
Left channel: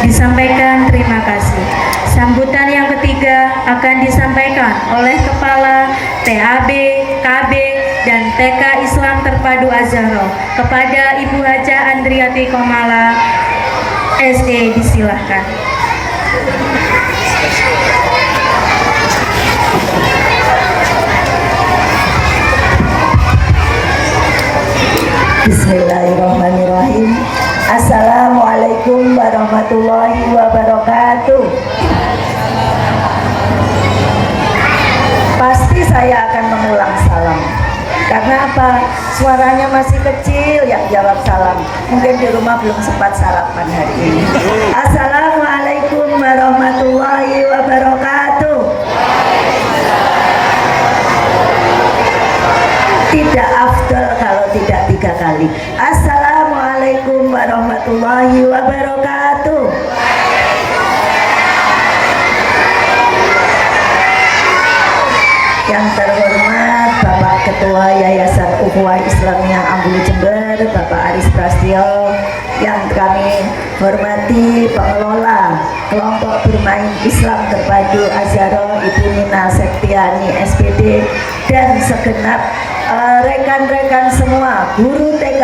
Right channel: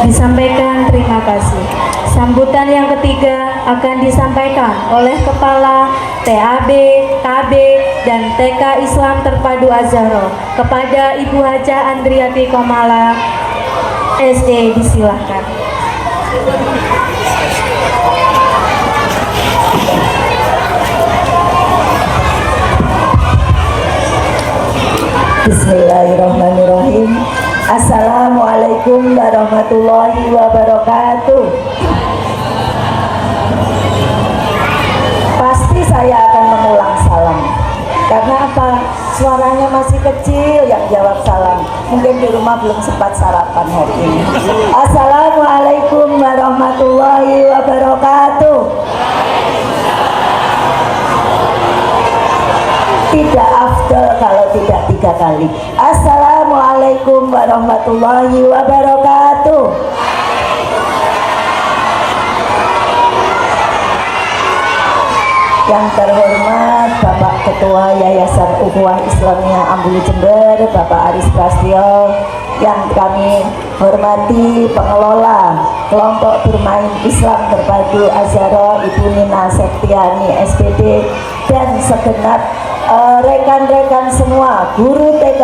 Disampaikan terima kasih. Sambutan yang ketiga akan disampaikan oleh Kepala TAB, KB, dan TK Islam Terpadu Az-Zahra kepada Ibu Haja Andriati Komala SD. Disilahkan. Bismillahirrahmanirrahim. Assalamualaikum warahmatullahi wabarakatuh. Pasti saya akan mengulang salam. Karena apa? Suaranya masih kecil yang jawab salam. Mungkin di rumah belum sempat sarapan hari ini. Assalamualaikum warahmatullahi wabarakatuh. Tidak afdal kalau tidak 3 kali. Assalamualaikum warahmatullahi wabarakatuh. Yang terhormat Bapak Ketua Yayasan Ukhuwah Islamiyah Ambulu Jember, Bapak Aris Prastyo, yang kami hormati pengelola kelompok bermain Islam Terpadu Az-Zahra, Ibu Nina Septiani SPD, dan segenap rekan-rekan semua, guru TK,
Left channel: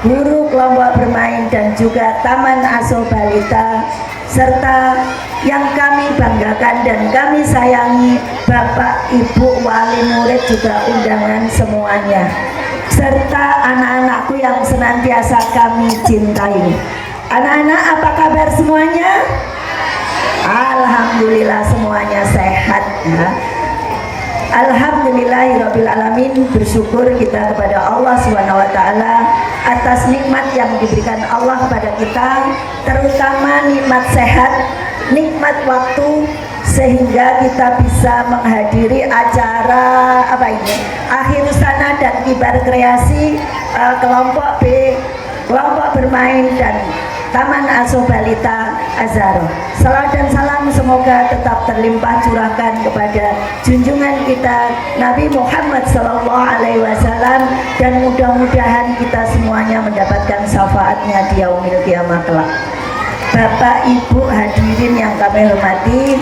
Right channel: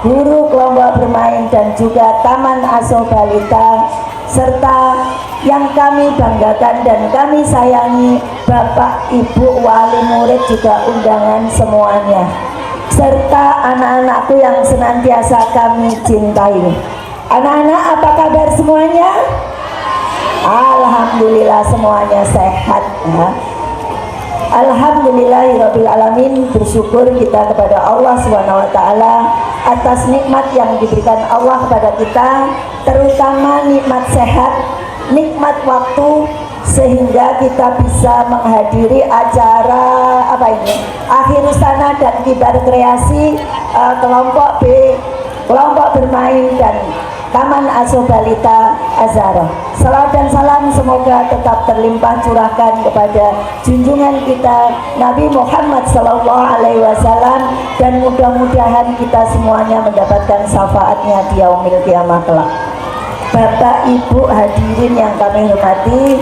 guru kelompok bermain dan juga Taman Asuh Balita, serta yang kami banggakan dan kami sayangi Bapak Ibu wali murid juga undangan semuanya, serta anak-anakku yang senantiasa kami cintai. Anak-anak, apa kabar semuanya? Alhamdulillah semuanya sehat ya. Alhamdulillahirrabbilalamin, bersyukur kita kepada Allah SWT atas nikmat yang diberikan Allah kepada kita, terutama nikmat sehat, nikmat waktu, sehingga kita bisa menghadiri acara akhir sana dan kibar kreasi kelompok B, kelompok bermain dan Taman Asuh Balita Azharo. Salawat dan salam semoga tetap terlimpah curahkan kepada junjungan kita Nabi Muhammad SAW, dan mudah-mudahan kita semuanya mendapatkan syafaatnya di yaumil qiyamah kelak. Bapak Ibu hadirin yang kami hormati,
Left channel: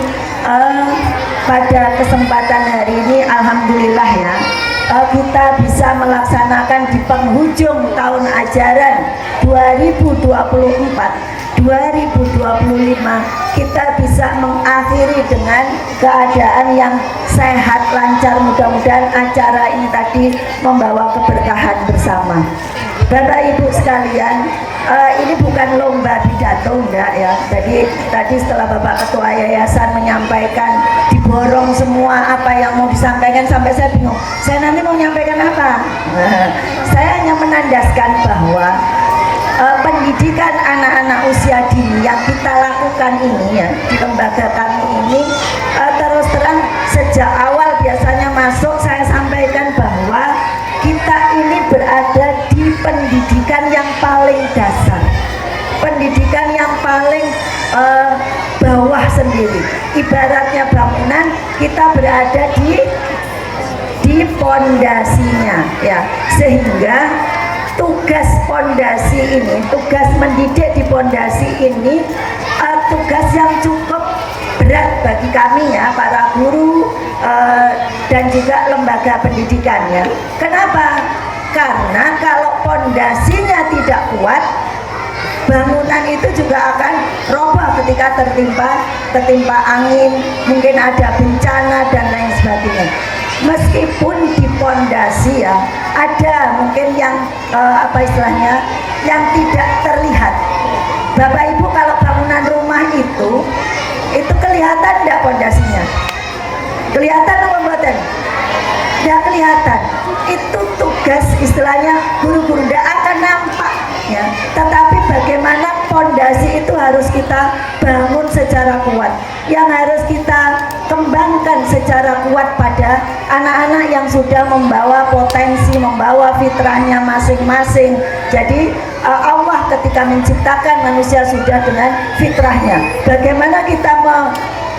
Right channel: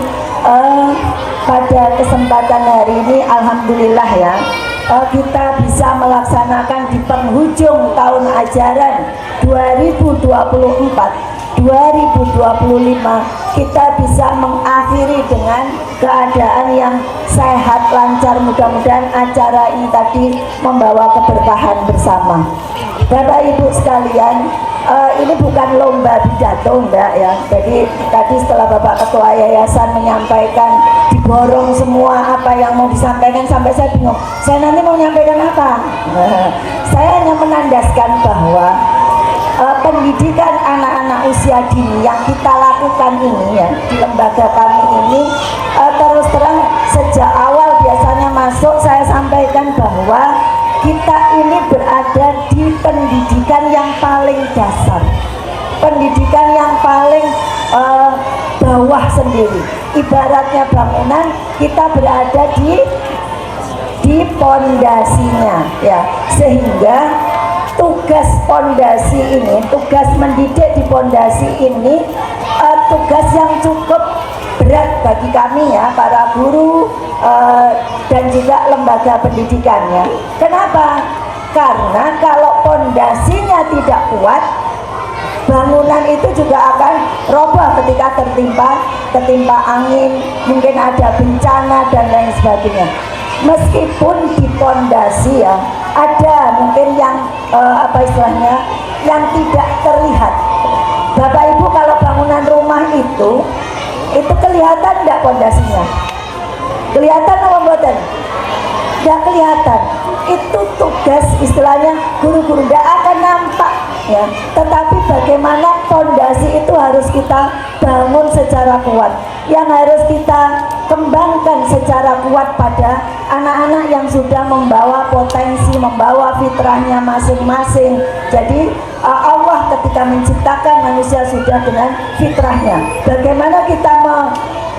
pada kesempatan hari ini alhamdulillah ya, kita bisa melaksanakan di penghujung tahun ajaran 2024-2025, kita bisa mengakhiri dengan keadaan yang sehat, lancar. Mudah-mudahan acara ini tadi membawa keberkahan bersama. Bapak Ibu sekalian, ini bukan lomba pidato enggak ya. Jadi tadi setelah Bapak Ketua Yayasan menyampaikan, diborong semua apa yang mau disampaikan, sampai saya bingung, saya nanti mau menyampaikan apa. Saya hanya menandaskan bahwa pendidikan anak-anak usia dini yang kita lakukan ini ya di lembaga kami ini, terus terang sejak awal biasanya masuk saya sampaikan bahwa kita ini berada di pendidikan yang paling dasar, pendidikan yang paling bawah sendiri. Ibaratnya bangunan, kita berada di pondasinya ya, sehingga tugas pondasi ini, tugas mendidik di pondasi ini, tugas yang cukup berat bagi kami ya, para guru dan juga lembaga pendidikannya. Kenapa? Karena kalau pondasinya tidak kuat, bangunan itu juga akan roboh ketika tertimpa angin, mungkin ada bencana dan lain sebagainya. Meskipun di pondasi ya ada mungkin yang yang tidak terlihat. Bapak Ibu, kalau bangunan rumah itu kelihatan enggak pondasinya? Kelihatan apa mboten? Enggak kelihatan. Itu tugas istilahnya guru-guru, enggak akan nampak ya. Tetapi bagaimana pondasi itu harus kita bangun secara kuat, yang harus kita kembangkan secara kuat pada anak-anak yang sudah membawa potensi, membawa fitrahnya masing-masing. Jadi Allah ketika menciptakan manusia sudah dengan fitrahnya. Bagaimana kita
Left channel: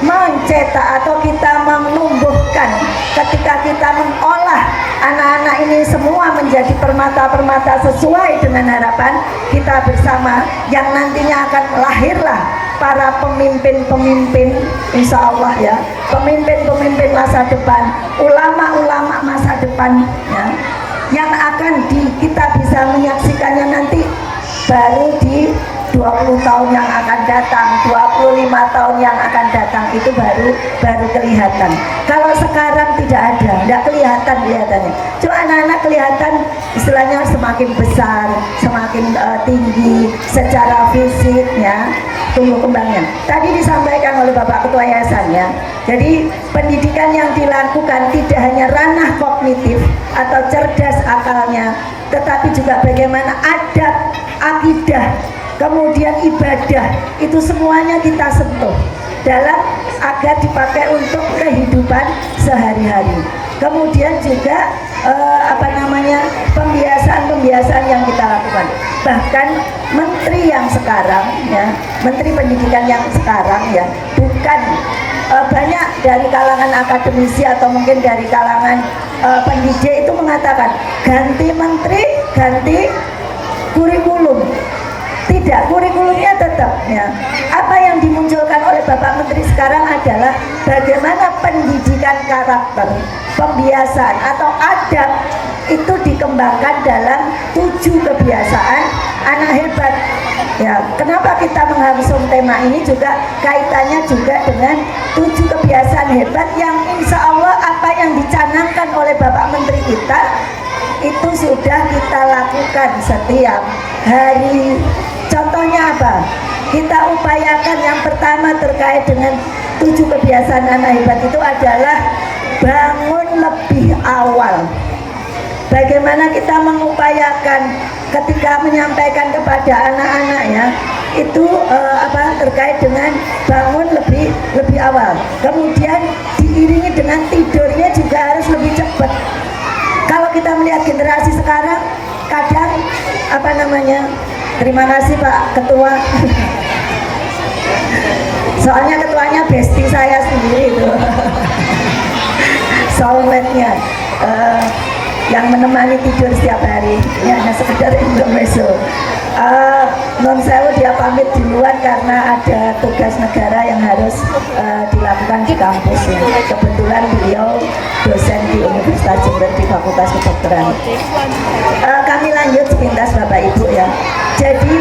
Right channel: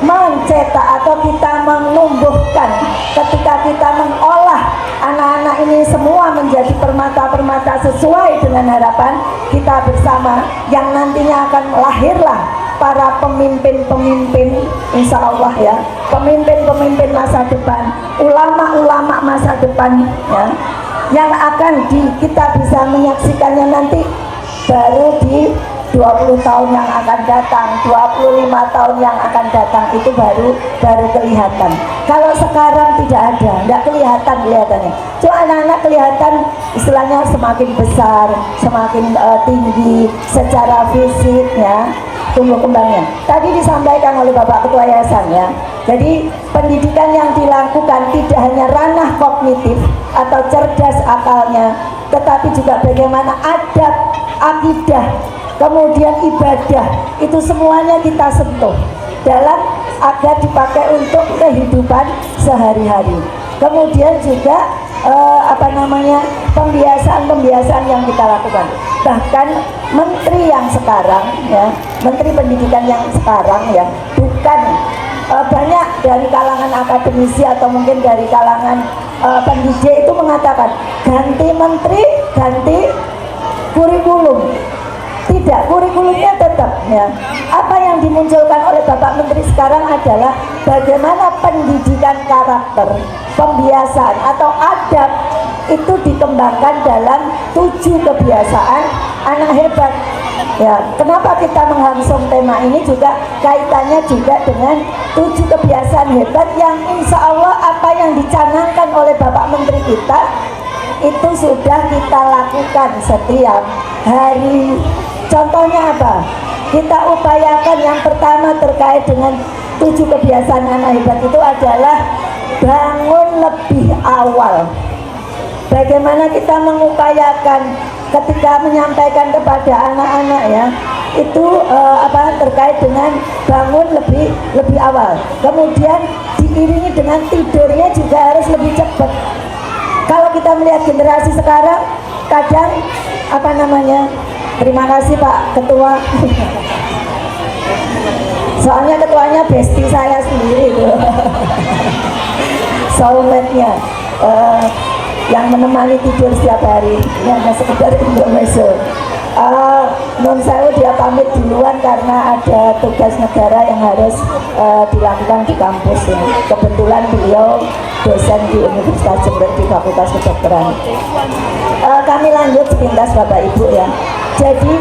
mencetak atau kita menumbuhkan, ketika kita mengolah anak-anak ini semua menjadi permata-permata sesuai dengan harapan kita bersama, yang nantinya akan lahirlah para pemimpin-pemimpin, insya Allah ya, pemimpin-pemimpin masa depan, ulama-ulama masa depan ya, yang akan kita bisa menyaksikannya nanti baru di 20 tahun yang akan datang, 25 tahun yang akan datang, itu baru kelihatan. Kalau sekarang tidak ada, tidak kelihatan kelihatannya. Cuma anak-anak kelihatan istilahnya semakin besar, semakin tinggi secara fisiknya, tumbuh kembangnya. Tadi disampaikan oleh Bapak Ketua Yayasan ya. Jadi pendidikan yang dilakukan tidak hanya ranah kognitif atau cerdas akalnya, tetapi juga bagaimana adab, akidah, kemudian ibadah, itu semuanya kita sentuh dalam agar dipakai untuk kehidupan sehari-hari. Kemudian juga pembiasaan yang kita lakukan. Bahkan menteri yang sekarang ya, menteri pendidikan yang sekarang ya, bukan banyak dari kalangan akademisi atau mungkin dari kalangan pendidik itu mengatakan ganti menteri, ganti kurikulum. Tidak, kurikulumnya tetap ya. Apa yang dimunculkan oleh Bapak Menteri sekarang adalah bagaimana pendidikan karakter, pembiasaan atau adab itu dikembangkan dalam 7 kebiasaan anak hebat. Ya, kenapa kita menghangsung tema ini juga kaitannya juga dengan 7 kebiasaan hebat yang insya Allah apa yang dicanangkan oleh Bapak Menteri kita itu sudah kita lakukan setiap hari. Contohnya apa? Kita upayakan yang pertama terkait dengan 7 kebiasaan anak hebat itu adalah bangun lebih awal. Bagaimana kita mengupayakan ketika menyampaikan kepada anak-anak ya itu terkait dengan bangun lebih awal. Kemudian diiringi dengan tidurnya juga harus lebih cepat. Kalau kita melihat generasi sekarang kadang terima kasih Pak Ketua. Soalnya ketuanya bestie saya sendiri itu. Soulmate-nya yang menemani tidur setiap hari. Ini hanya sekedar intermezzo. Non sewu dia pamit duluan karena ada tugas negara yang harus dilakukan di kampus ya. Kebetulan beliau dosen di Universitas Jember di Fakultas Kedokteran. Kami lanjut sepintas Bapak Ibu ya. Jadi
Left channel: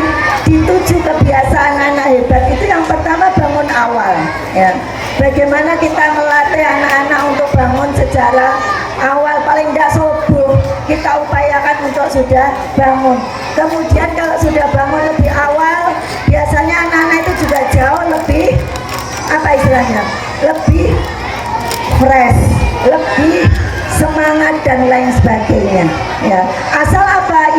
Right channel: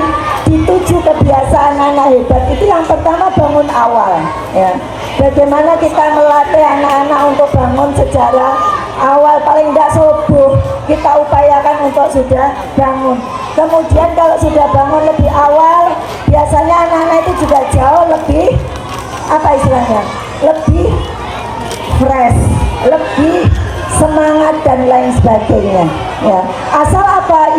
di 7 kebiasaan anak hebat itu yang pertama bangun awal ya. Bagaimana kita melatih anak-anak untuk bangun secara awal, paling tidak subuh kita upayakan untuk sudah bangun. Kemudian kalau sudah bangun lebih awal, biasanya anak-anak itu juga jauh lebih lebih fresh, lebih semangat dan lain sebagainya ya. Asal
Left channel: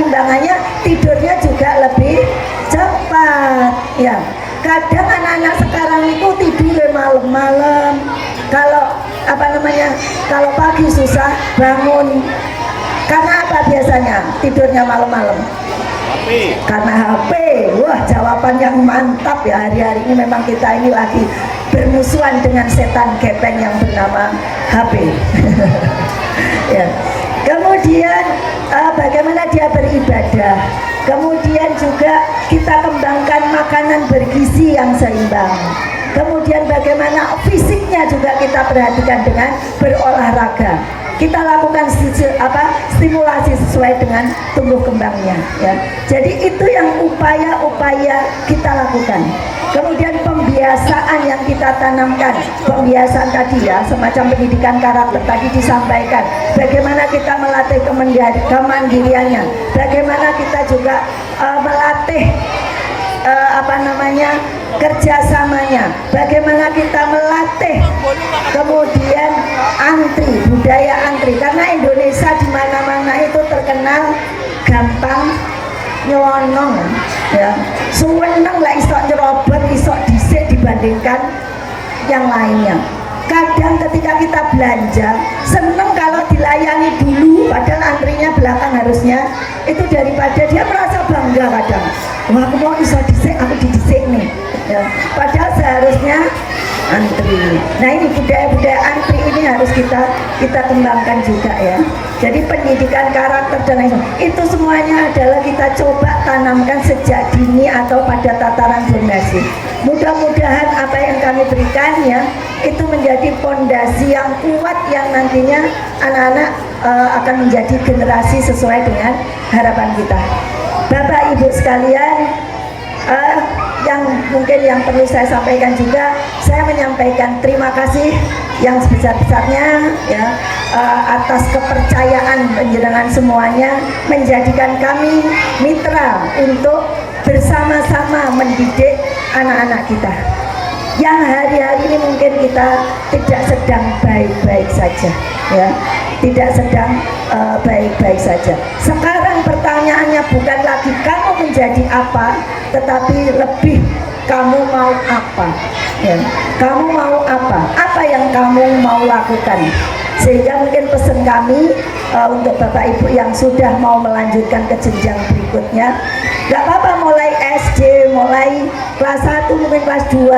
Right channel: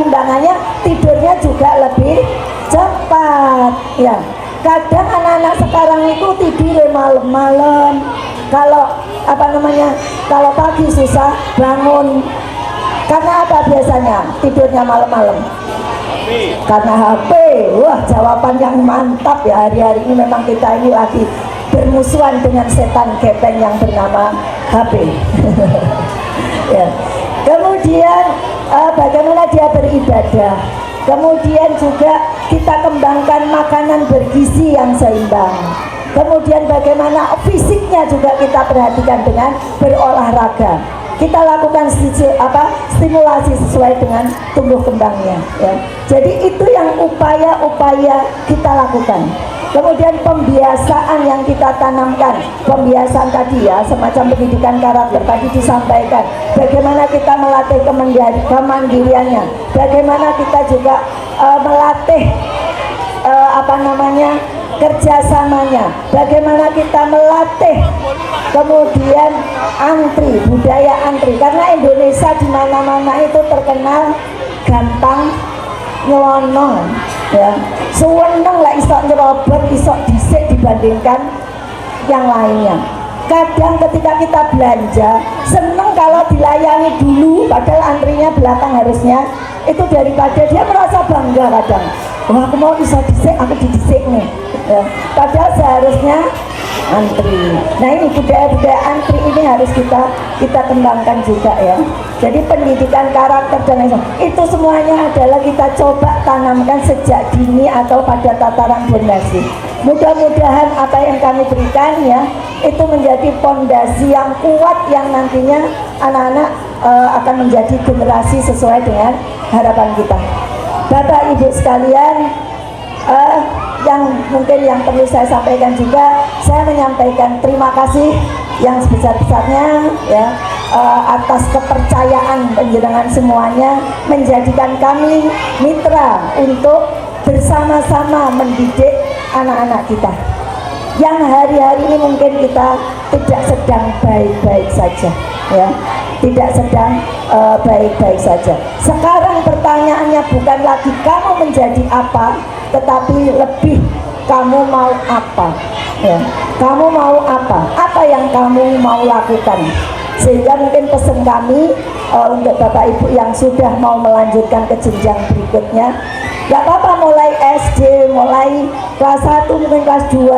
imbangannya tidurnya juga lebih cepat ya. Kadang anak-anak sekarang itu tidur malam-malam, kalau kalau pagi susah bangun. Karena apa biasanya tidurnya malam-malam? Karena HP. Wah, jawaban yang mantap ya. Hari-hari ini memang kita ini lagi bermusuhan dengan setan gepeng yang bernama HP. Ya. Kemudian bagaimana dia beribadah. Kemudian juga kita kembangkan makanan bergizi yang seimbang. Kemudian bagaimana fisiknya juga kita perhatikan dengan berolahraga. Kita lakukan stimulasi sesuai dengan tumbuh kembangnya ya. Jadi itu yang upaya-upaya kita lakukan. Kemudian pembiasaan yang kita tanamkan, pembiasaan tadi ya, semacam pendidikan karakter tadi disampaikan. Bagaimana kita melatih kemandiriannya, bagaimana kita juga melatih kerjasamanya, bagaimana kita melatih kemudian budaya antri, karena Indonesia di mana-mana itu terkenal gampang nyelonong ya, suweneng lah isok nyerobot, isok disik dibandingkan yang lainnya. Kadang ketika kita belanja seneng kalau dilayani dulu padahal antrinya belakang harusnya, itu daripada dia merasa bangga kadang, wah aku mau isok disik, aku didisik nih ya. Padahal seharusnya antri. Nah ini budaya-budaya antri ini harus kita kembangkan juga ya. Jadi pendidikan karakter dan lain itu semuanya adalah kita coba tanamkan sejak dini atau pada tataran fondasi. Mudah-mudahan apa yang kami berikan ya itu menjadi fondasi yang kuat yang nantinya anak-anak akan menjadi generasi sesuai dengan harapan kita. Bapak Ibu sekalian, yang perlu saya sampaikan juga, saya menyampaikan terima kasih yang sebesar-besarnya ya atas kepercayaan panjenengan semuanya menjadikan kami mitra untuk bersama-sama mendidik anak-anak kita yang hari-hari ini mungkin kita tidak sedang baik-baik saja ya, tidak sedang baik-baik saja. Sekarang pertanyaannya bukan lagi kamu menjadi apa, tetapi lebih kamu mau apa ya. Kamu mau apa yang kamu mau lakukan. Sehingga mungkin pesan kami untuk Bapak Ibu yang sudah mau melanjutkan ke jenjang berikutnya, gak apa-apa mulai SD, mulai kelas 1, mungkin kelas 2,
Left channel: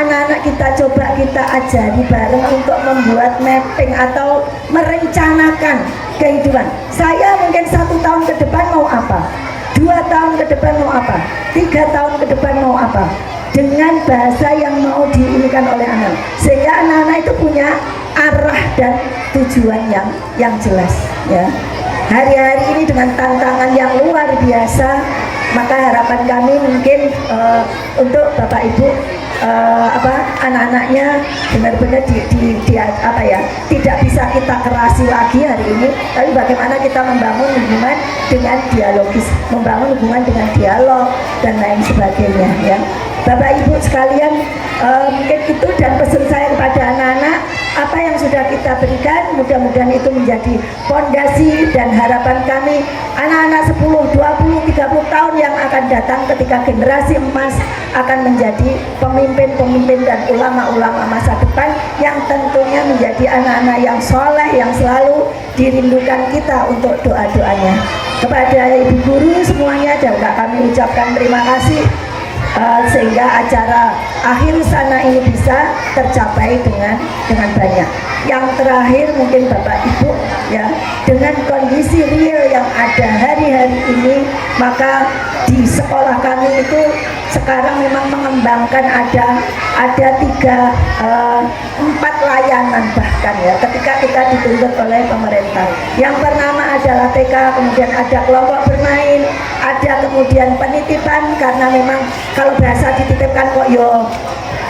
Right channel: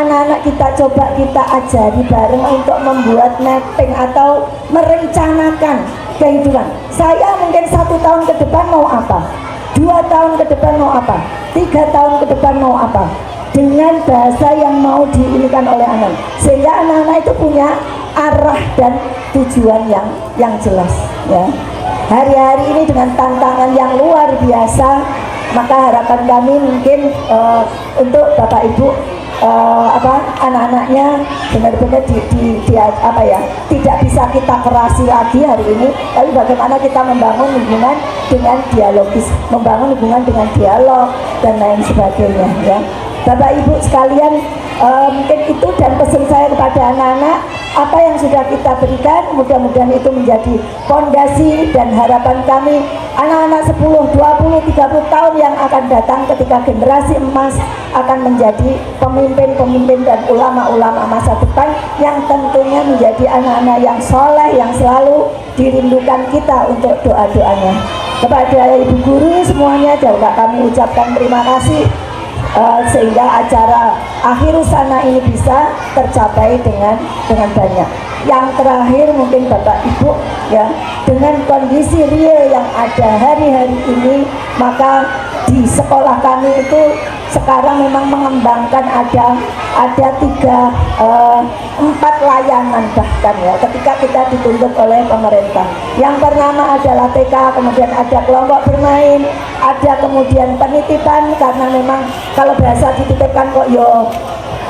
anak-anak kita coba kita ajari bareng untuk membuat mapping atau merencanakan kehidupan. Saya mungkin 1 tahun ke depan mau apa, 2 tahun ke depan mau apa, 3 tahun ke depan mau apa, dengan bahasa yang mau diinikan oleh anak, sehingga anak-anak itu punya arah dan tujuan yang jelas ya. hari-hari ini dengan tantangan yang luar biasa, maka harapan kami mungkin untuk Bapak Ibu anak-anaknya benar-benar tidak bisa kita kerasi lagi hari ini, tapi bagaimana kita membangun hubungan dengan dialogis, membangun hubungan dengan dialog dan lain sebagainya ya. Bapak Ibu sekalian, mungkin itu dan pesan saya kepada anak-anak, apa yang sudah kita berikan mudah-mudahan itu menjadi fondasi dan harapan kami anak-anak 10, 20, 30 tahun yang akan datang ketika generasi emas akan menjadi pemimpin-pemimpin dan ulama-ulama masa depan yang tentunya menjadi anak-anak yang soleh, yang selalu dirindukan kita untuk doa-doanya. Kepada Ibu Guru semuanya juga kami ucapkan terima kasih, sehingga acara akhir sana ini bisa tercapai dengan banyak. Yang terakhir mungkin Bapak Ibu ya, dengan kondisi real yang ada hari-hari ini, maka di sekolah kami itu sekarang memang mengembangkan ada 4 layanan bahkan ya, ketika kita dituntut oleh pemerintah. Yang pertama adalah TK, kemudian ada kelompok bermain, ada kemudian penitipan, karena memang kalau bahasa dititipkan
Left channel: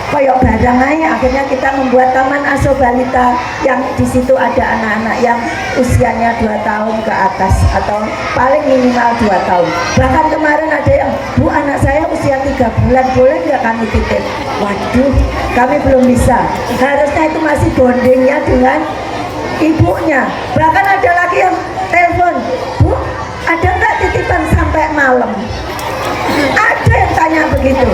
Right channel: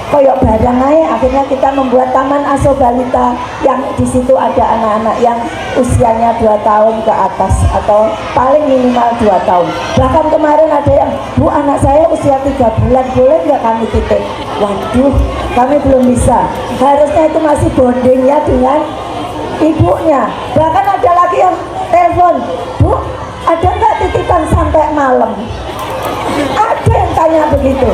koyok barang aja, akhirnya kita membuat taman asuh balita yang di situ ada anak-anak yang usianya 2 tahun ke atas atau paling minimal 2 tahun. Bahkan kemarin ada yang, Bu, anak saya usia 3 bulan, boleh nggak kami titip? Waduh, kami belum bisa. Harusnya itu masih bonding ya dengan ibunya. Bahkan ada lagi yang telepon, Bu, ada nggak titipan sampai malam? Ada yang tanya begitu.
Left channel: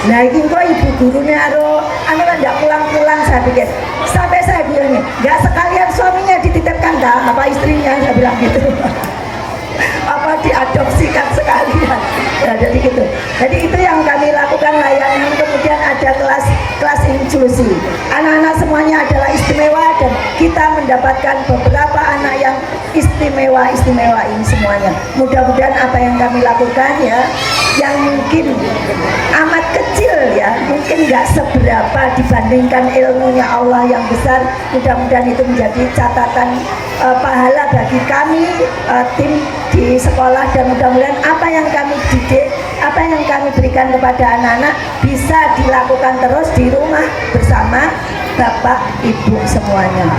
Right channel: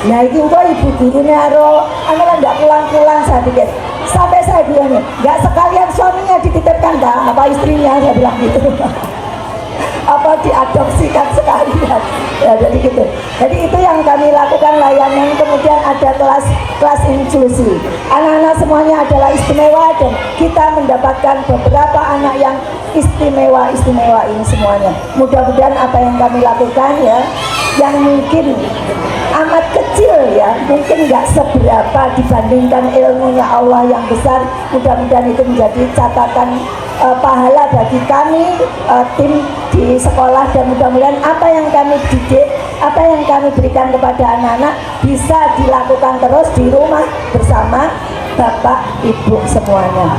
Nah ini kok Ibu gurunya nggak pulang-pulang, saya pikir. Sampai saya bilang nih, nggak sekalian suaminya dititipkan dah, apa istrinya, saya bilang gitu. Apa diadopsikan sekalian ya, jadi gitu. Jadi itu yang kami lakukan layanan. Kemudian ada kelas inklusi, anak-anak semuanya adalah istimewa dan kita mendapatkan beberapa anak yang istimewa ini semuanya. Mudah-mudahan apa yang kami lakukan ya, yang mungkin amat kecil ya, mungkin nggak seberapa dibandingkan ilmunya Allah yang besar, mudah-mudahan itu menjadi catatan pahala bagi kami tim di sekolah, dan mudah-mudahan apa yang kami didik, apa yang kami berikan kepada anak-anak bisa dilakukan terus di rumah bersama Bapak Ibu semuanya.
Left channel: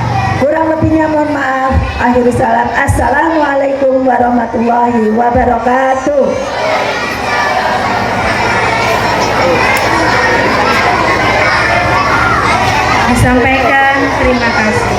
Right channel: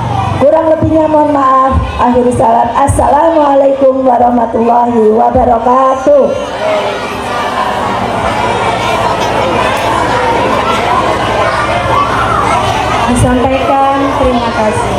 Kurang lebihnya mohon maaf. Akhirul salam. Assalamualaikum warahmatullahi wabarakatuh. Disampaikan terima kasih.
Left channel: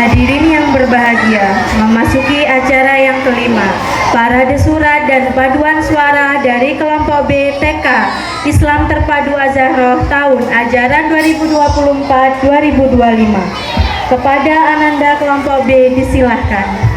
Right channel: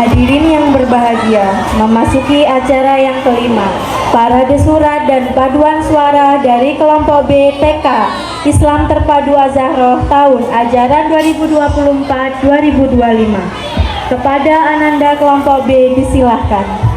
Hadirin yang berbahagia, memasuki acara yang kelima, parade surat dan paduan suara dari kelompok B TK Islam Terpadu Az-Zahroh tahun ajaran 2024-2025. Kepada Ananda kelompok B disilahkan.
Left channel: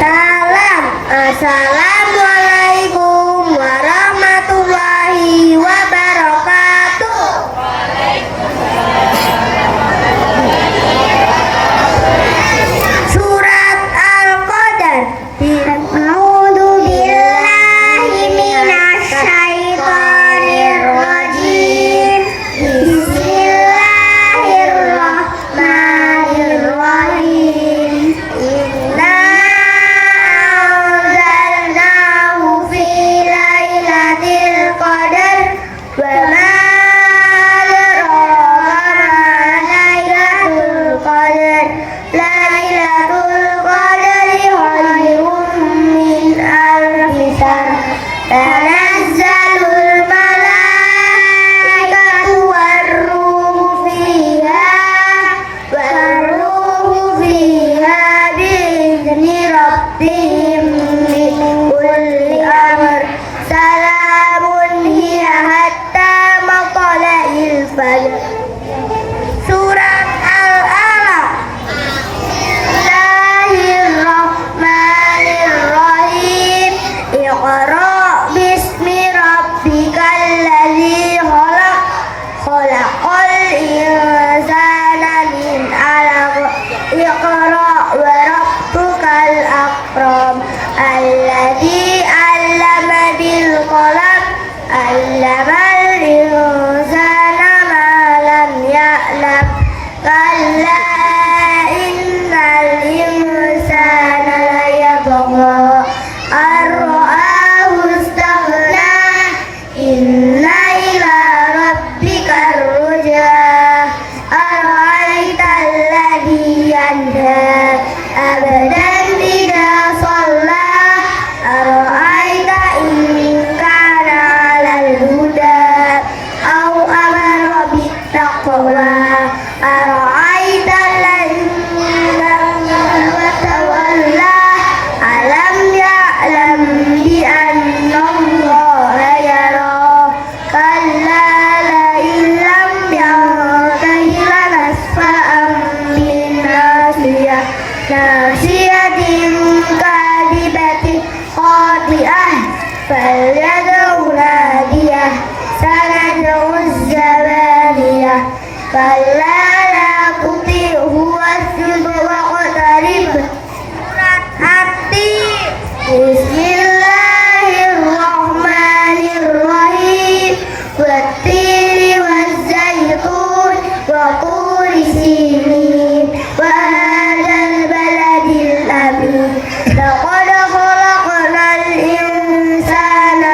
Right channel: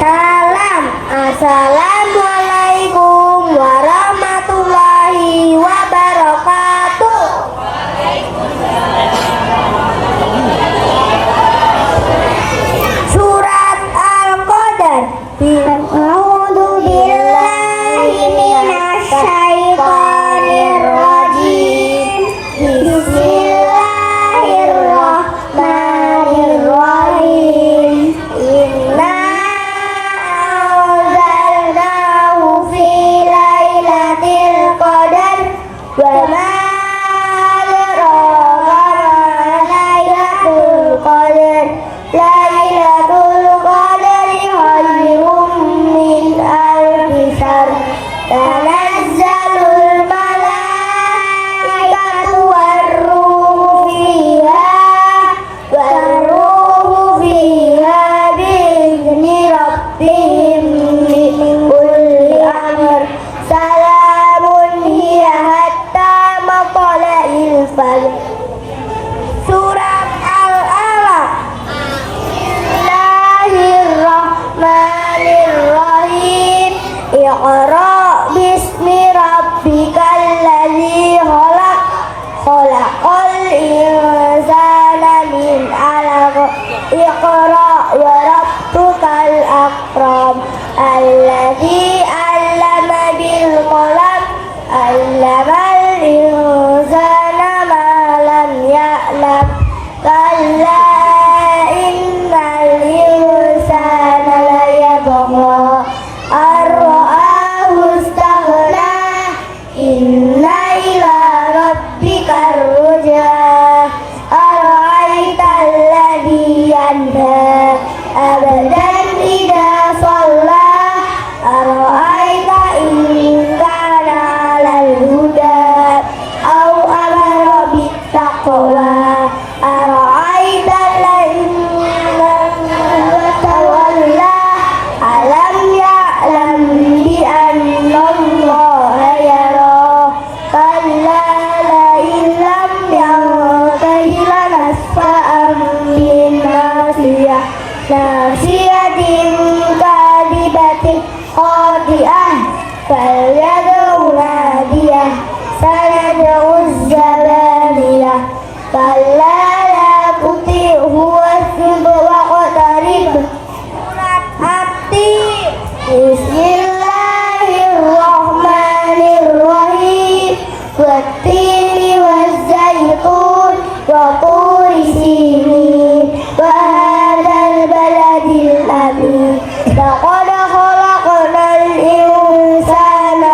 Salam. Assalamualaikum warahmatullahi wabarakatuh. Surat Al-Qadar. A'udzu billahi minasyaitonir rajim. Bismillahirrahmanirrahim. Inna anzalnahu fi lailatul qadar wa ma adraka ma lailatul qadar. Lailatul qadri khairun min alfi shahr. Tanazzalul malaikatu war-ruhu fiha bi'izni rabbihim min kulli amr. Salamun hiya hatta matla'il fajr. Surat Al-Alaq. Bismillahirrahmanirrahim. Iqra bismi rabbikal ladzi khalaq. Khalaqal insana min 'alaq. Iqra wa rabbukal akram. Alladzi 'allama bil qalam. 'allamal insana ma lam ya'lam. Kalla innal insana layatgha ar-ra'ahu istaghna. Inna ila rabbikar ruj'a. Ara'aital ladzi yanha abadan idza shalla. Ara'aita in kana 'alal huda aw amara bittaqwa. Ara'aita alladzi wa tawalla. Alam ya'lam bi anna Allaha yara. Kalla la illam yantahi lanasfa'an bin nasiyah. Nasiyatin kadibatin khati'ah. Falyad'u nadiyah. Sanad'u zabaniyah. Kalla la tuti'hu wasjud waqtarib. Surat At-Tin. Bismillahirrahmanirrahim. Wat-tini waz-zaitun wa turi sinin wa hadzal baladil amin. Laqad khalaqnal insana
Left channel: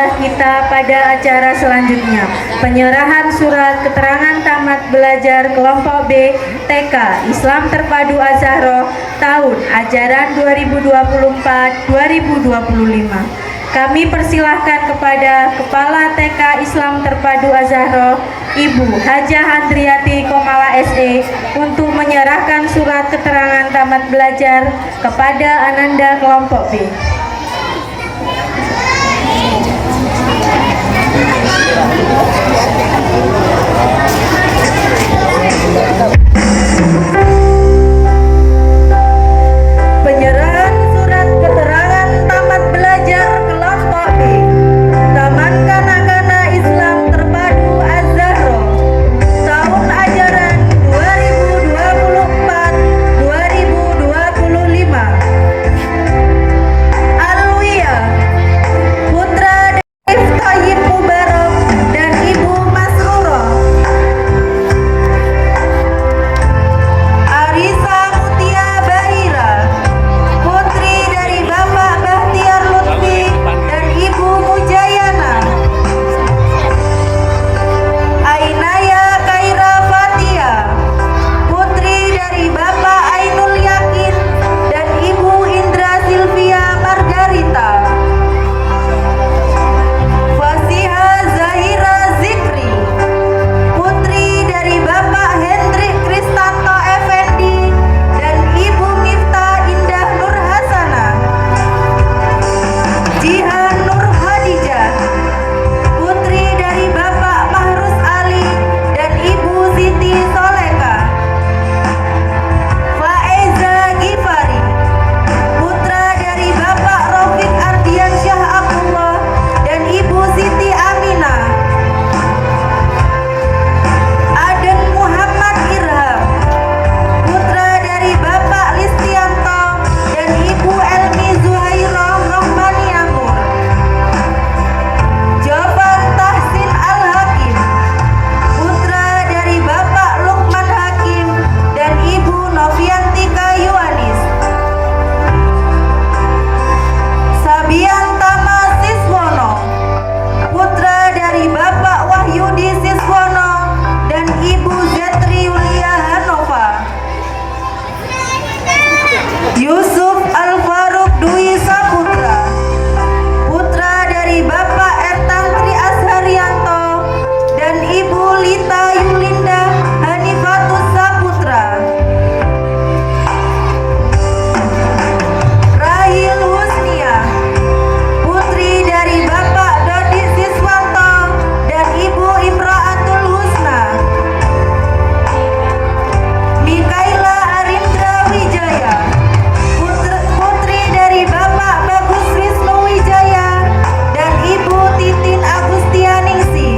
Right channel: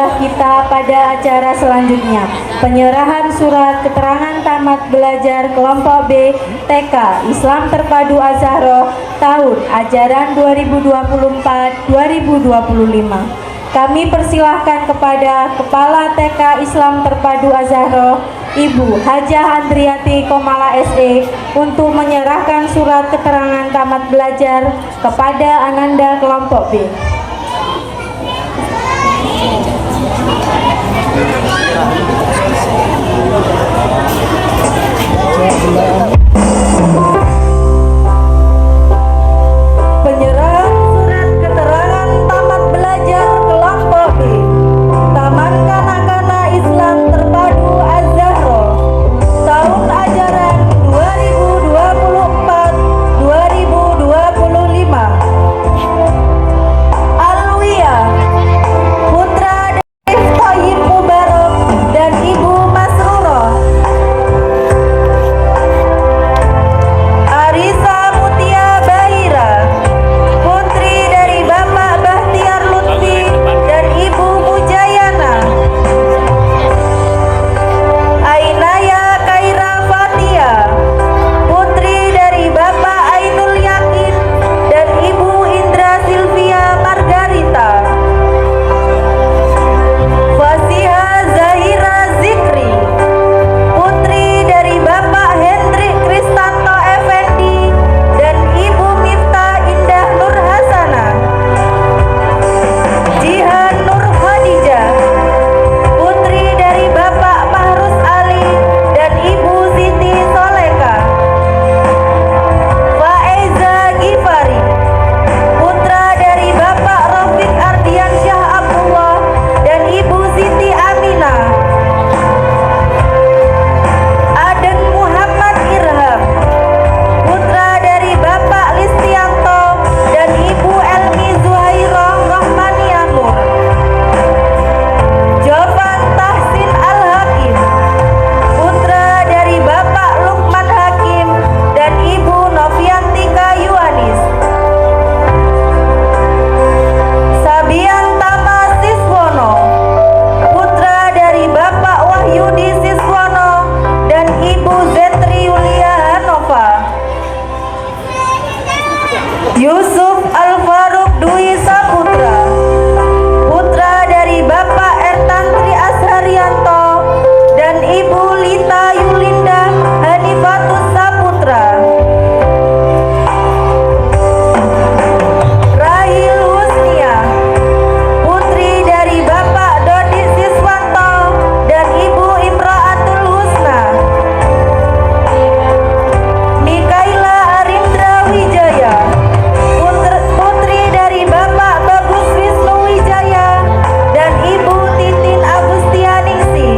Inilah kita pada acara selanjutnya, penyerahan surat keterangan tamat belajar kelompok B TK Islam Terpadu Az-Zahra tahun ajaran 2024-2025. Kami persilahkan kepada Kepala TK Islam Terpadu Az-Zahra, Ibu Hajah Andriati Komala SE, untuk menyerahkan surat keterangan tamat belajar kepada Ananda kelompok B. Penyerahan surat keterangan tamat belajar kelompok B Taman Kanak-kanak Islam Terpadu Az-Zahra tahun ajaran 2024-2025. Alwiyah putra dari Thayyib Mubarak dan Ibu Masrurah. Arisa Mutia Bahira putri dari Bapak Bahtiar Lutfi dan Ibu Mujayana. Ainaya Kaira Fatia putri dari Bapak Ainul Yakin dan Ibu Indra Silvia Margarita. Fasiha Zahira Zikri putri dari Bapak Hendrik Kristanto Effendi dan Ibu Miftah Indah Nur Hasana. Jihan Nur Khadijah putri dari Bapak Mahrus Ali dan Ibu Siti Soleka. Faeza Gifari putra dari Bapak Rafiq Ardian Syah Abdullah dan Ibu Siti Aminah. Aden Muhammad Irham putra dari Bapak Listianto dan Ibu Elmi Zuhairah Rahmaniamur. Jovan Tahsin Al-Hakim putra dari Bapak Lukman Hakim dan Ibu Novianti Kayuanis. Sabian Tama Siswono putra dari Bapak Wahyudi Siswono dan Ibu Zetri Yulia Hanova. Yusuf Al-Faruq Dwi Saputra putra dari Bapak Ertantri Asharianto dan Ibu Lita Yulinda Hanifatus Saputra. Rahil Husnia putri dari Bapak Dodi Siswanto dan Ibu Imraatul Husna. Mikaela Arindra Wijaya putri dari Bapak Bagus Wisnu Wijaya dan Ibu Titin Agustianingsi.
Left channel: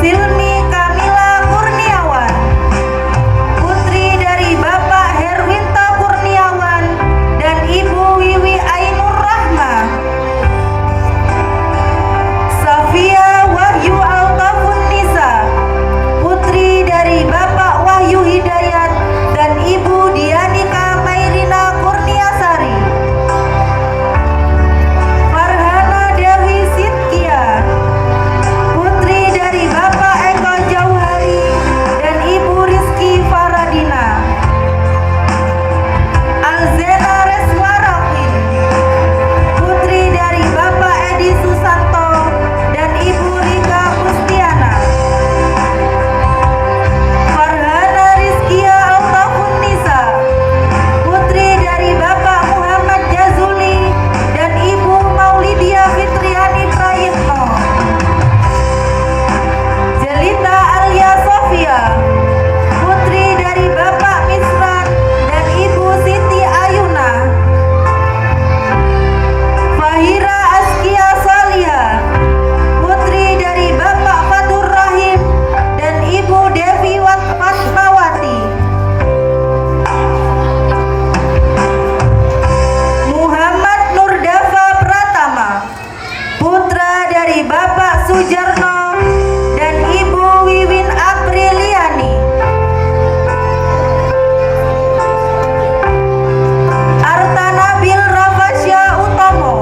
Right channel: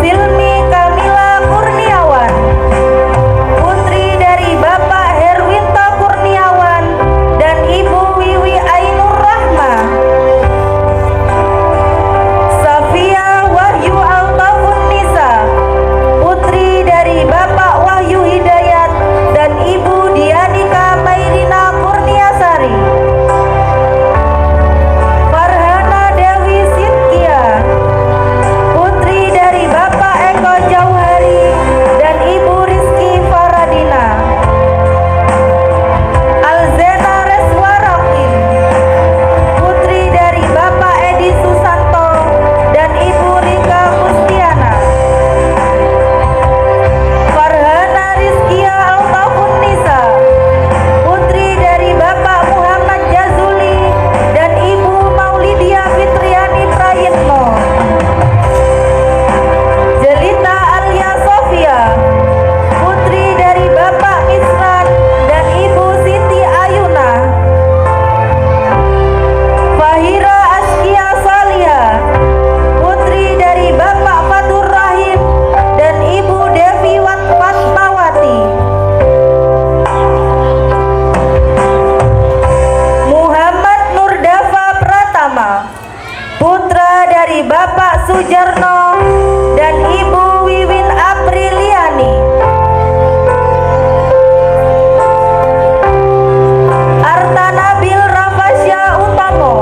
Silmi Kamila Kurniawan putri dari Bapak Herwinto Kurniawan dan Ibu Wiwi Ainur Rahma. Safia Wahyu Altafun Nisa putri dari Bapak Wahyu Hidayat dan Ibu Dianika Mairina Kurniasari. Farhana Dewi Sitkia putri dari Bapak Eko Jauhari dan Ibu Rizky Faradina. Alzena Reswarakin putri dari Bapak Edi Susanto dan Ibu Rika Mustiana. Farhana Rizkia Altafun Nisa putri dari Bapak Muhammad Jazuli dan Ibu Maulidia Fitriani Prayitno. Jelita Alia Sofia putri dari Bapak Misran dan Ibu Siti Ayuna. Fahira Askia Salia putri dari Bapak Fatur Rahim dan Ibu Devi Fatmawati. Muhammad Nurdafa Pratama putra dari Bapak Sujarno dan Ibu Wiwin Apriliani. Arta Nabil Rafasya Utomo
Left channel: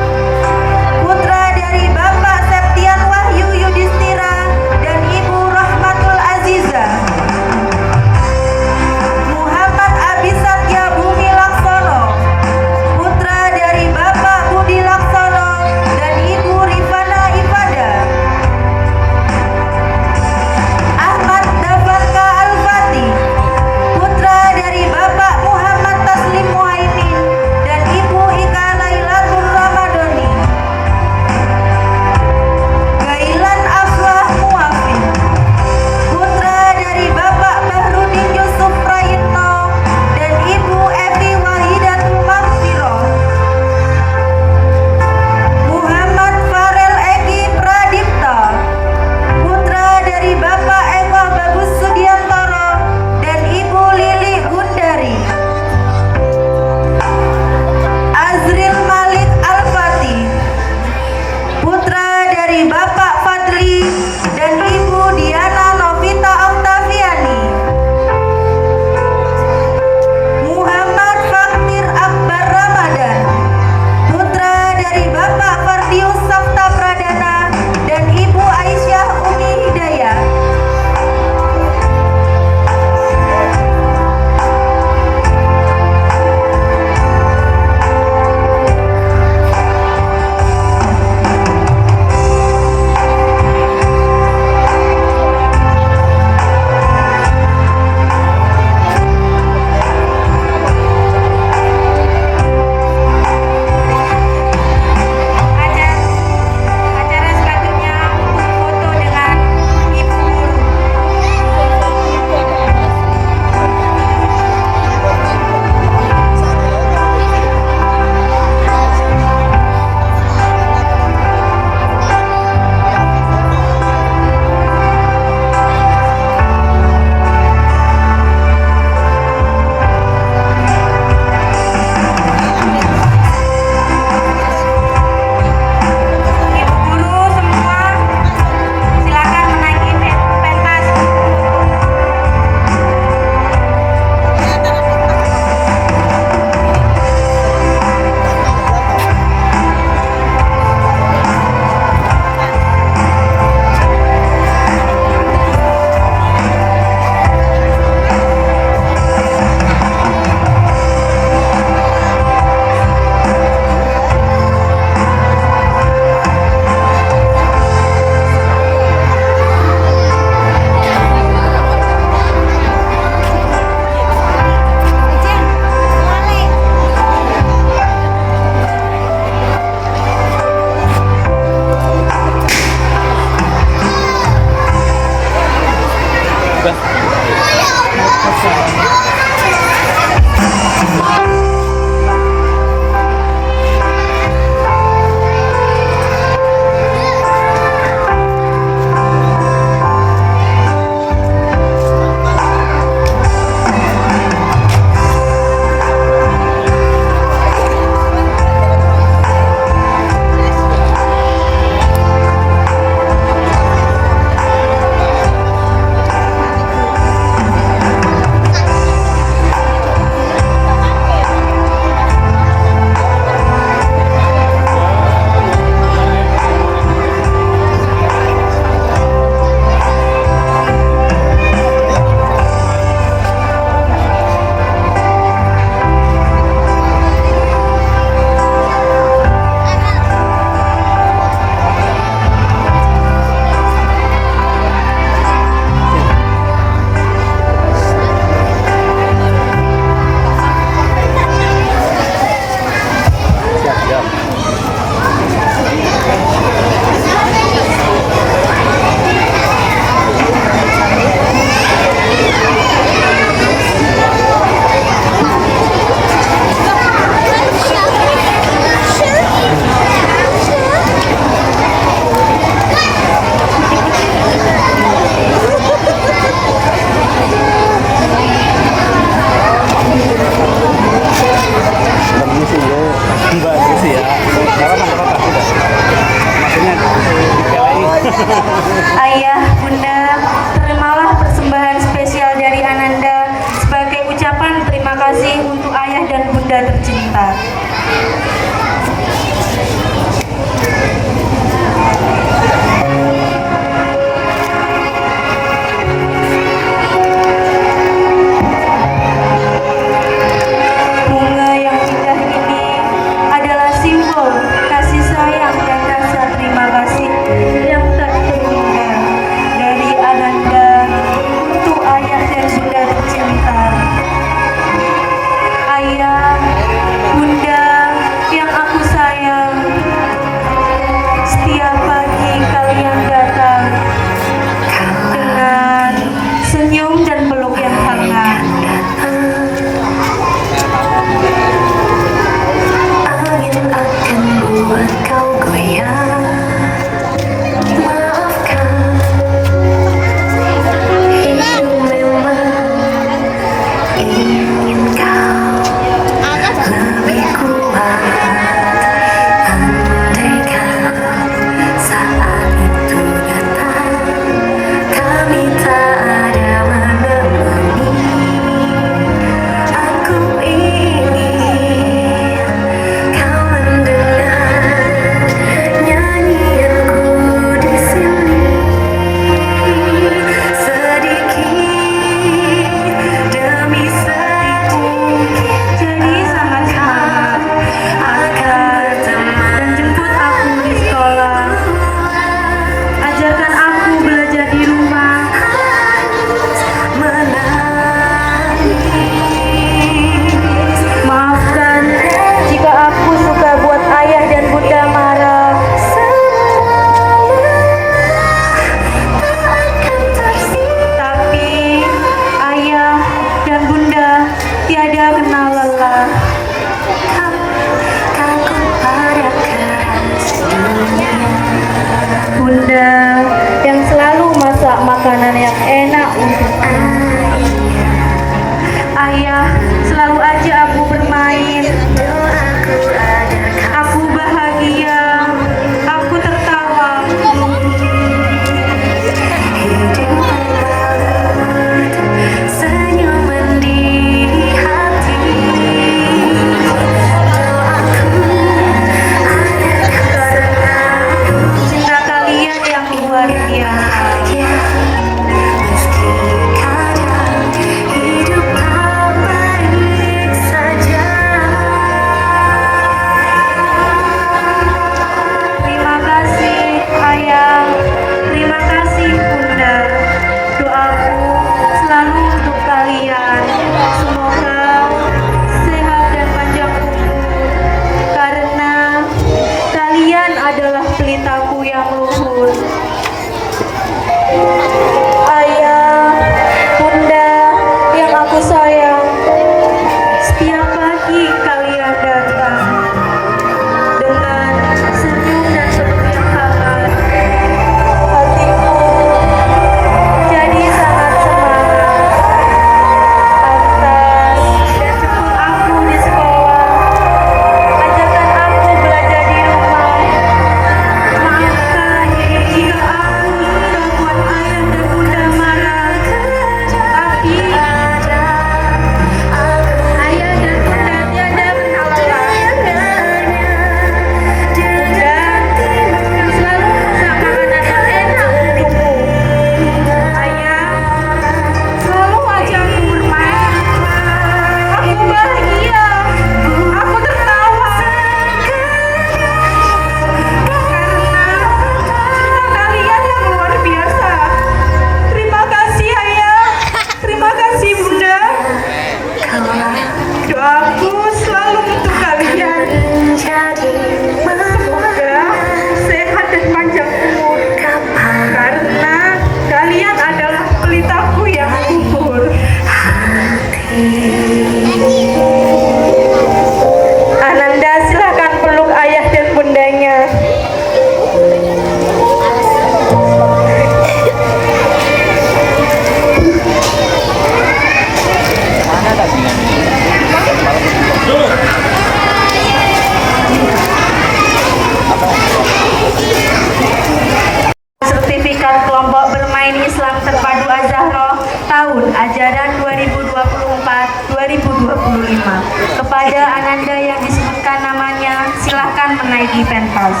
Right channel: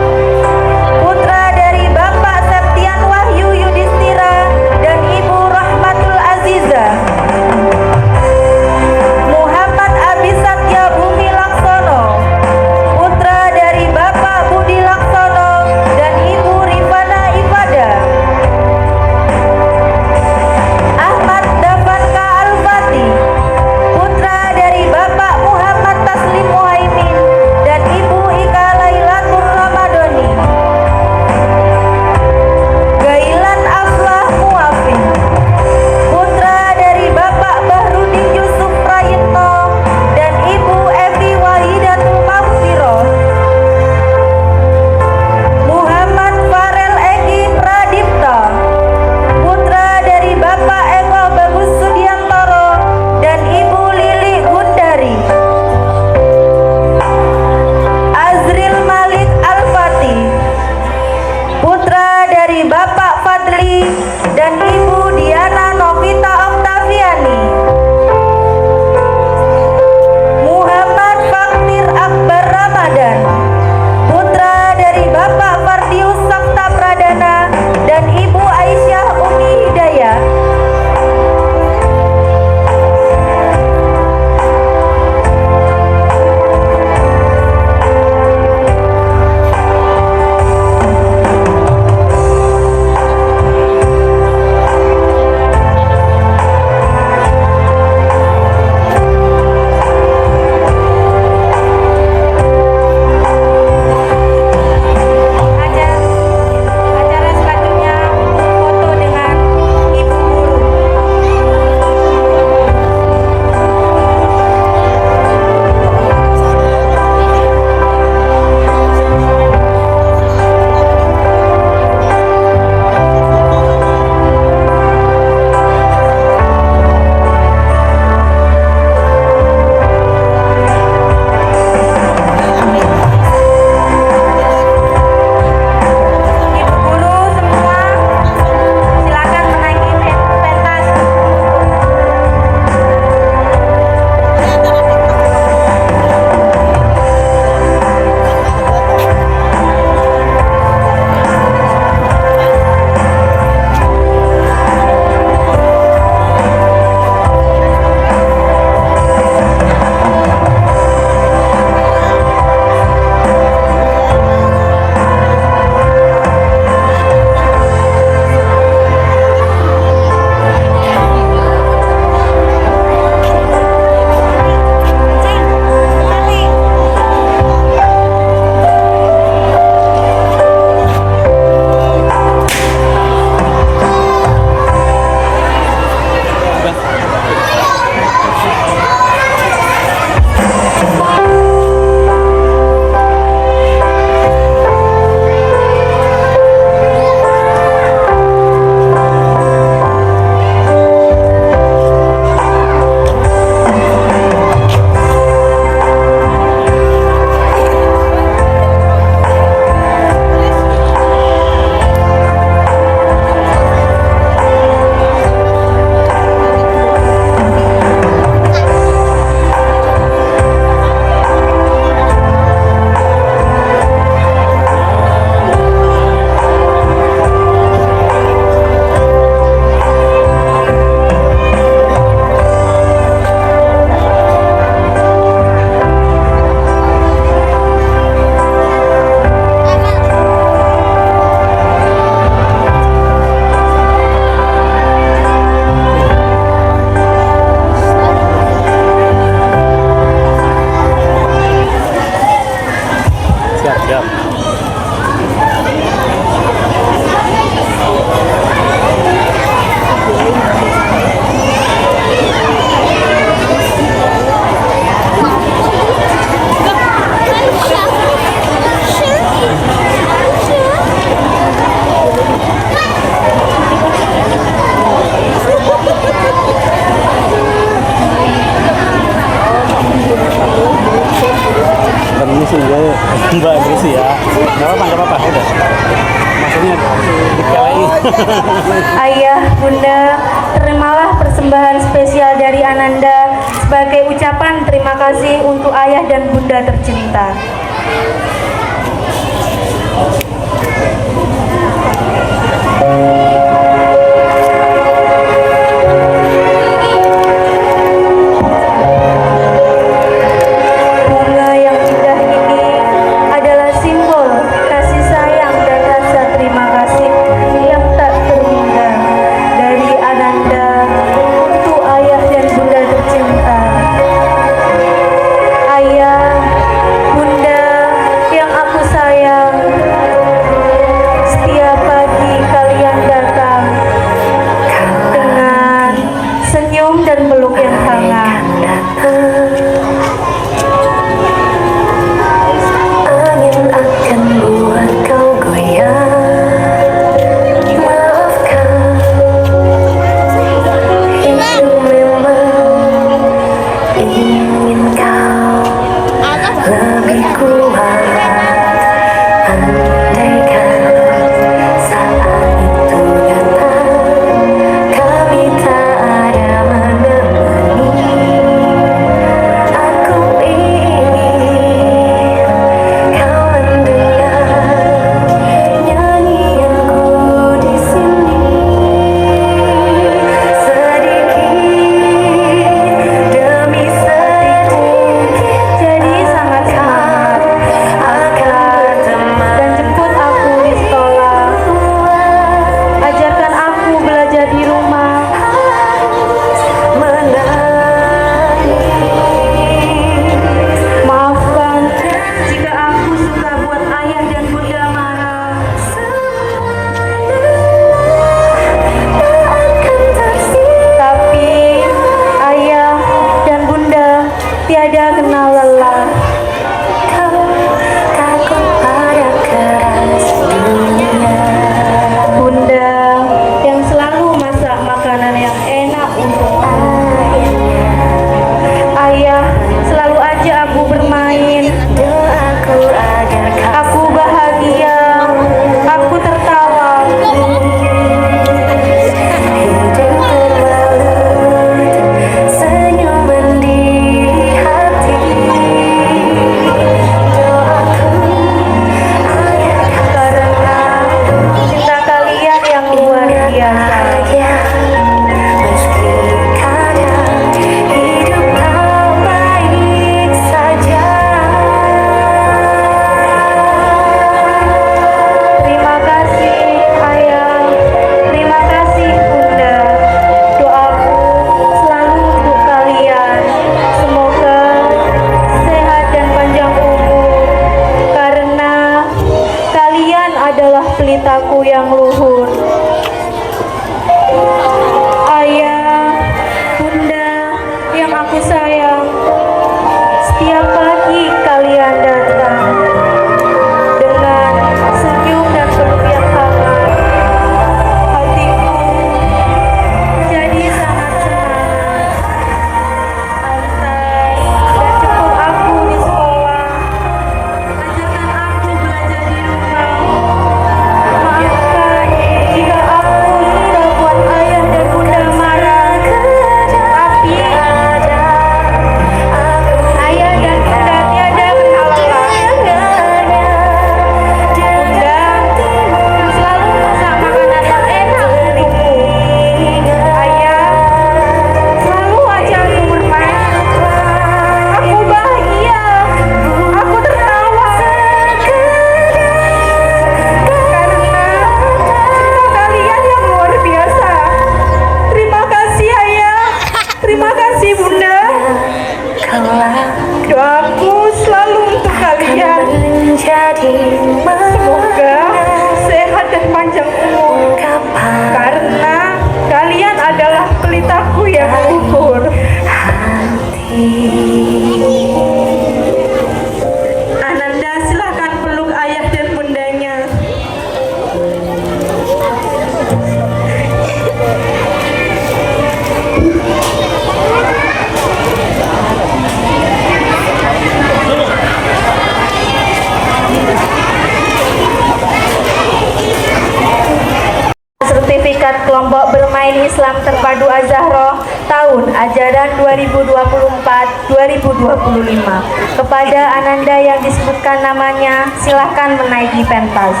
Kepada Ananda yang disebutkan namanya, silahkan menaiki penthouse.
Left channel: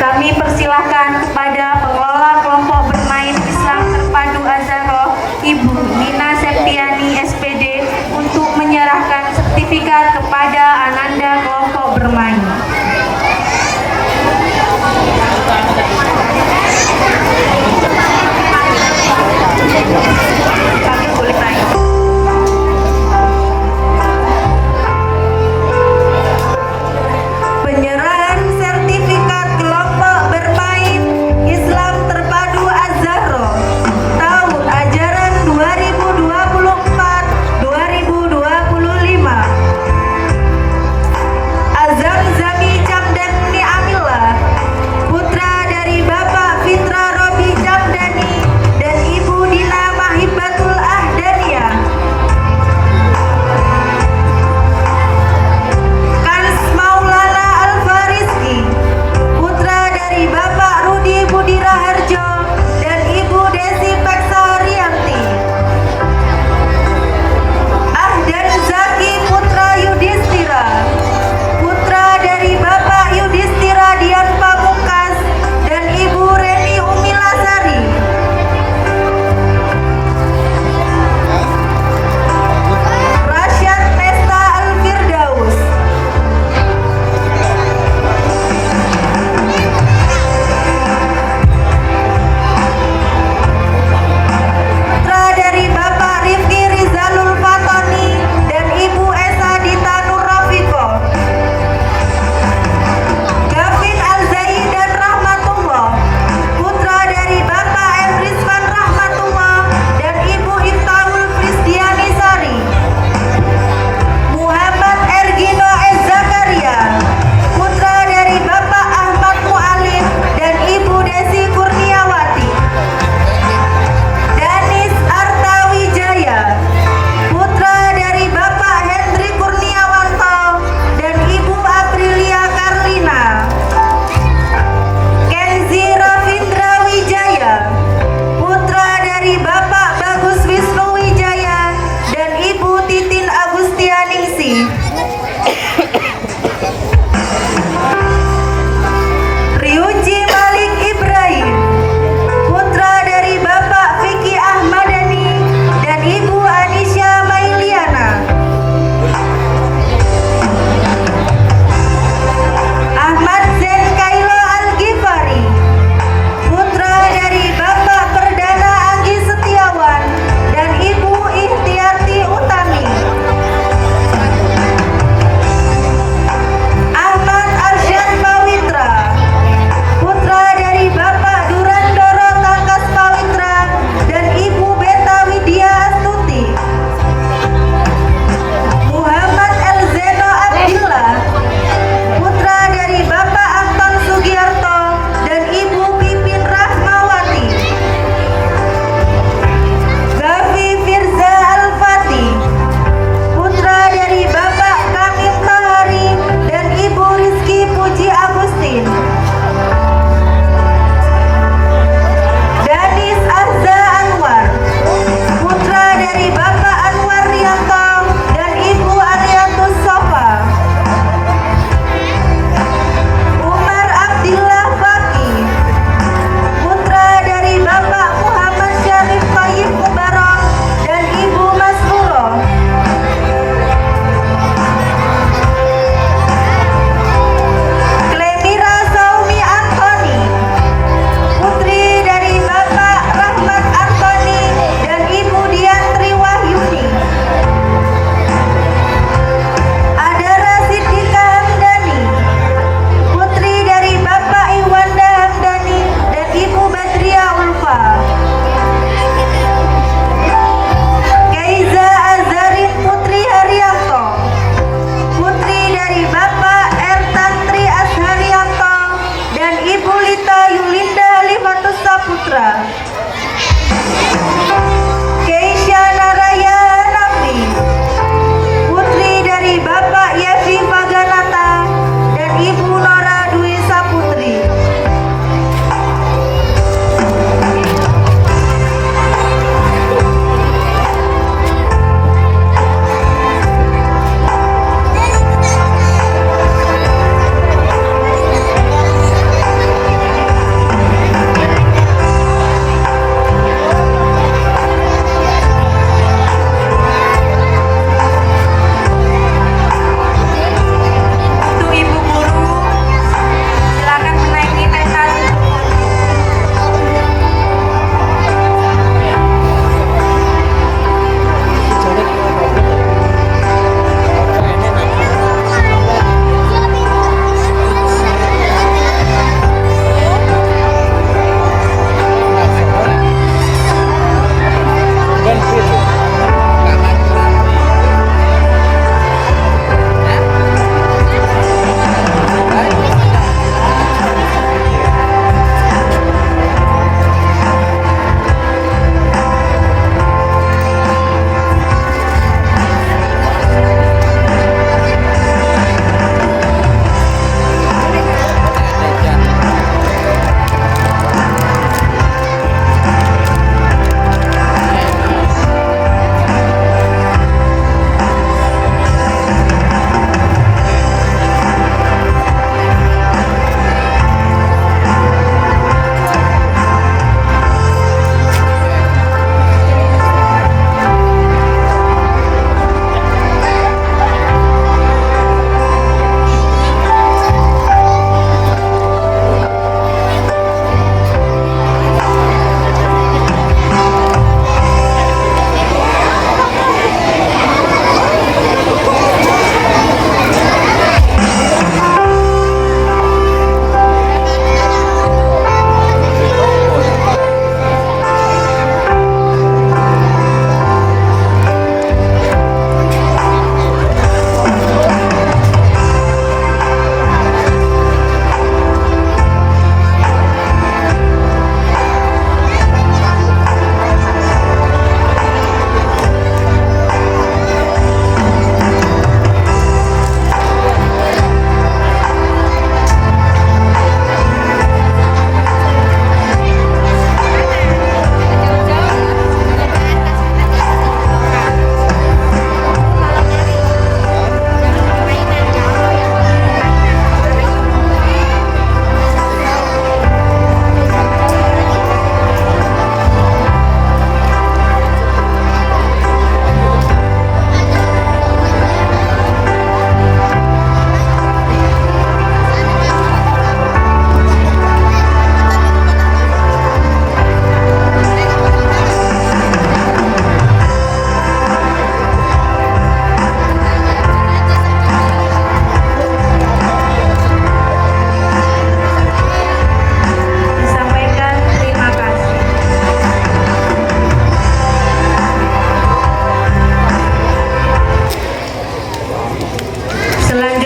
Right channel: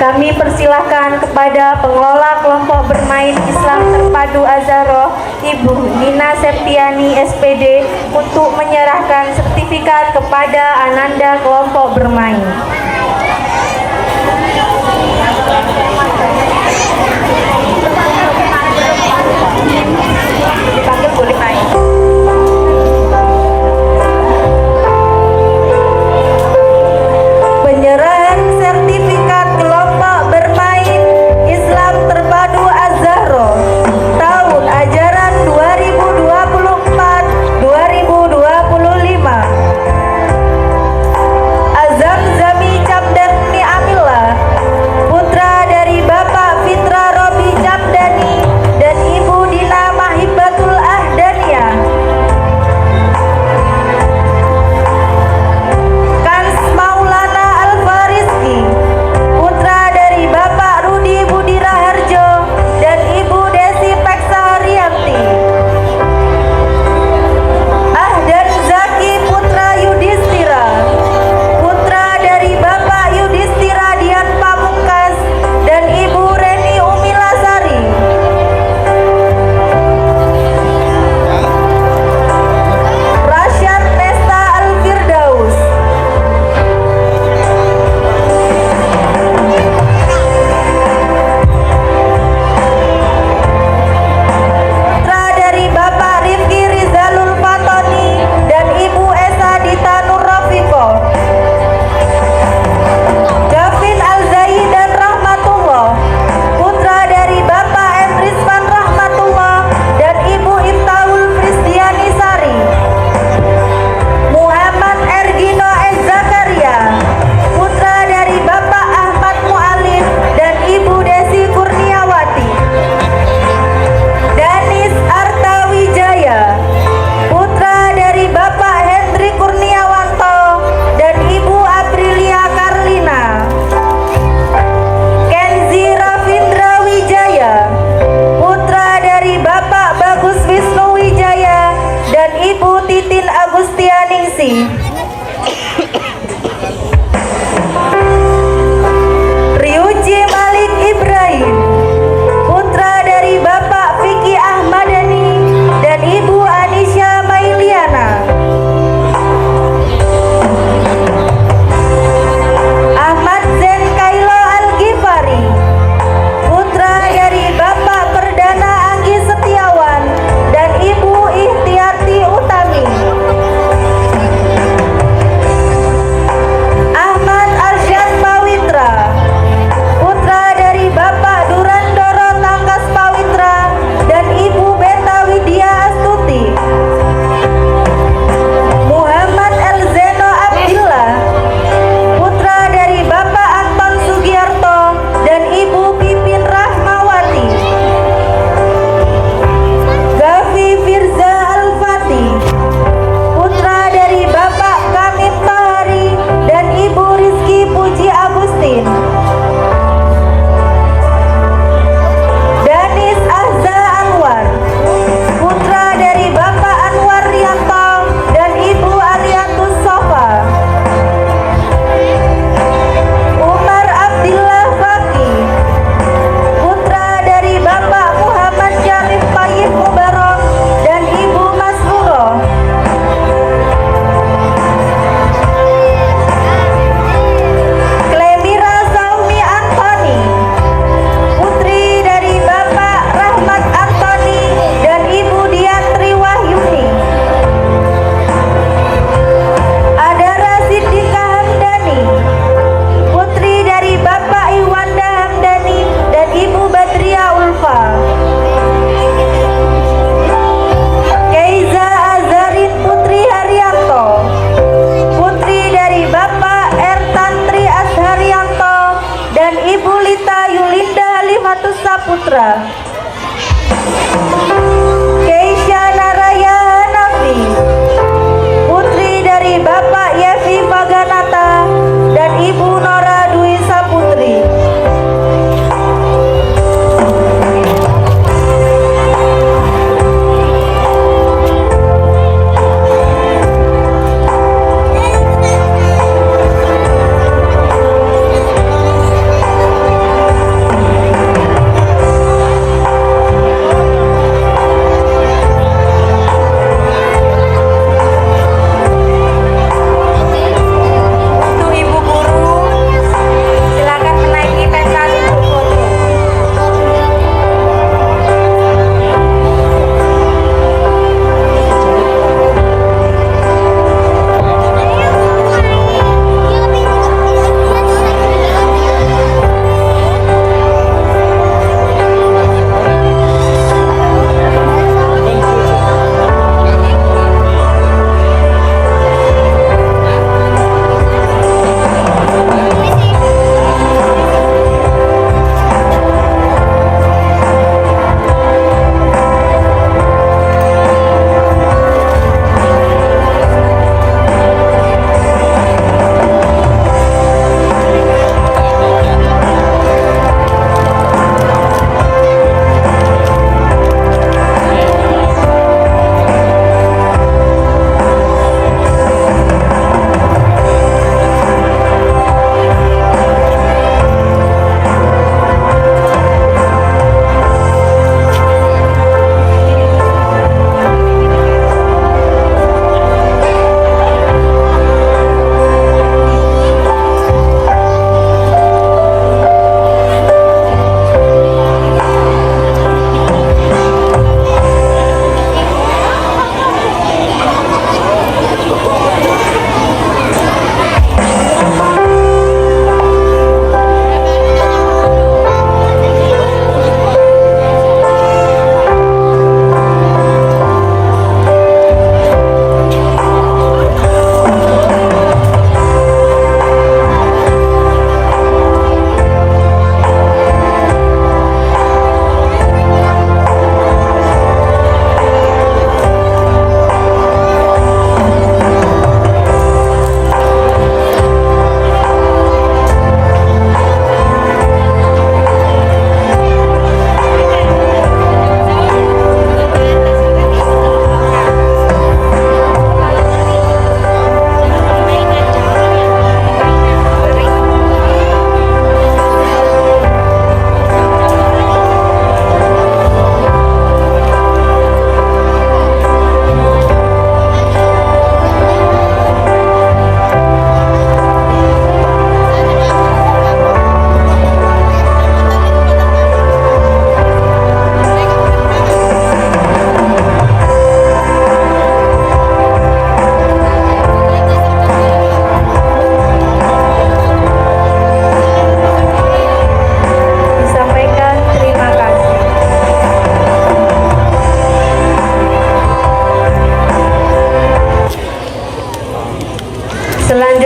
Kami persilahkan kepada pengelola kelompok bermain Islam Terpadu Azharo, Ibu Nina Septiani SPD, untuk menyerahkan sertifikat kepada Ananda kelompok bermain. Kami boleh naik. Penyerahan sertifikat kelompok bermain Islam Terpadu Azharo tahun ajaran 2024-2025. Azam Zami Camdani Amila, putra dari Bapak Fitra Robi Camdani dan Ibu Dina Mahibatul Ahdaniyah. Kans Maulana Al-Fariski, putra dari Bapak Rudi Budi Raharjo dan Ibu Desi Peksa Rianti. Ahdan Zaki putra Yudhistira, putra dari Bapak Yudhistira Dian Pamungkas dan Ibu Reni Umilasari. Rasyad Nesta Al-Firdaus, putra dari Bapak Rifki Rizalul Fatoni dan Ibu Esa Dita Nur Rafiqo. Gavin Al-Zaidan Rahmatullah, putra dari Bapak M. Rizwan Rahmatullah dan Ibu Imtaul Frisdiani Sari. Muhammad Ergino S. Zakaria, putra dari Bapak Ahmad Mu'alim dan Ibu Desi Kurniawati. Danis Artawijaya, putra dari Bapak Hendri Kurniawanto dan Ibu Aprilia Karlina. Kenzi Ravindra Wijaya, putra dari Bapak Bagus Wisnu Wijaya dan Ibu Titin Agustianingsi. Ryuji Malik Ibrahim, putra dari Bapak Vicky Ahmadani dan Ibu Anisya Mailiana. Ahmad Zen Kaila Al-Ghifari, putra dari Bapak Perdana Anggi Setiawan dan Ibu Ihtiyati Utami.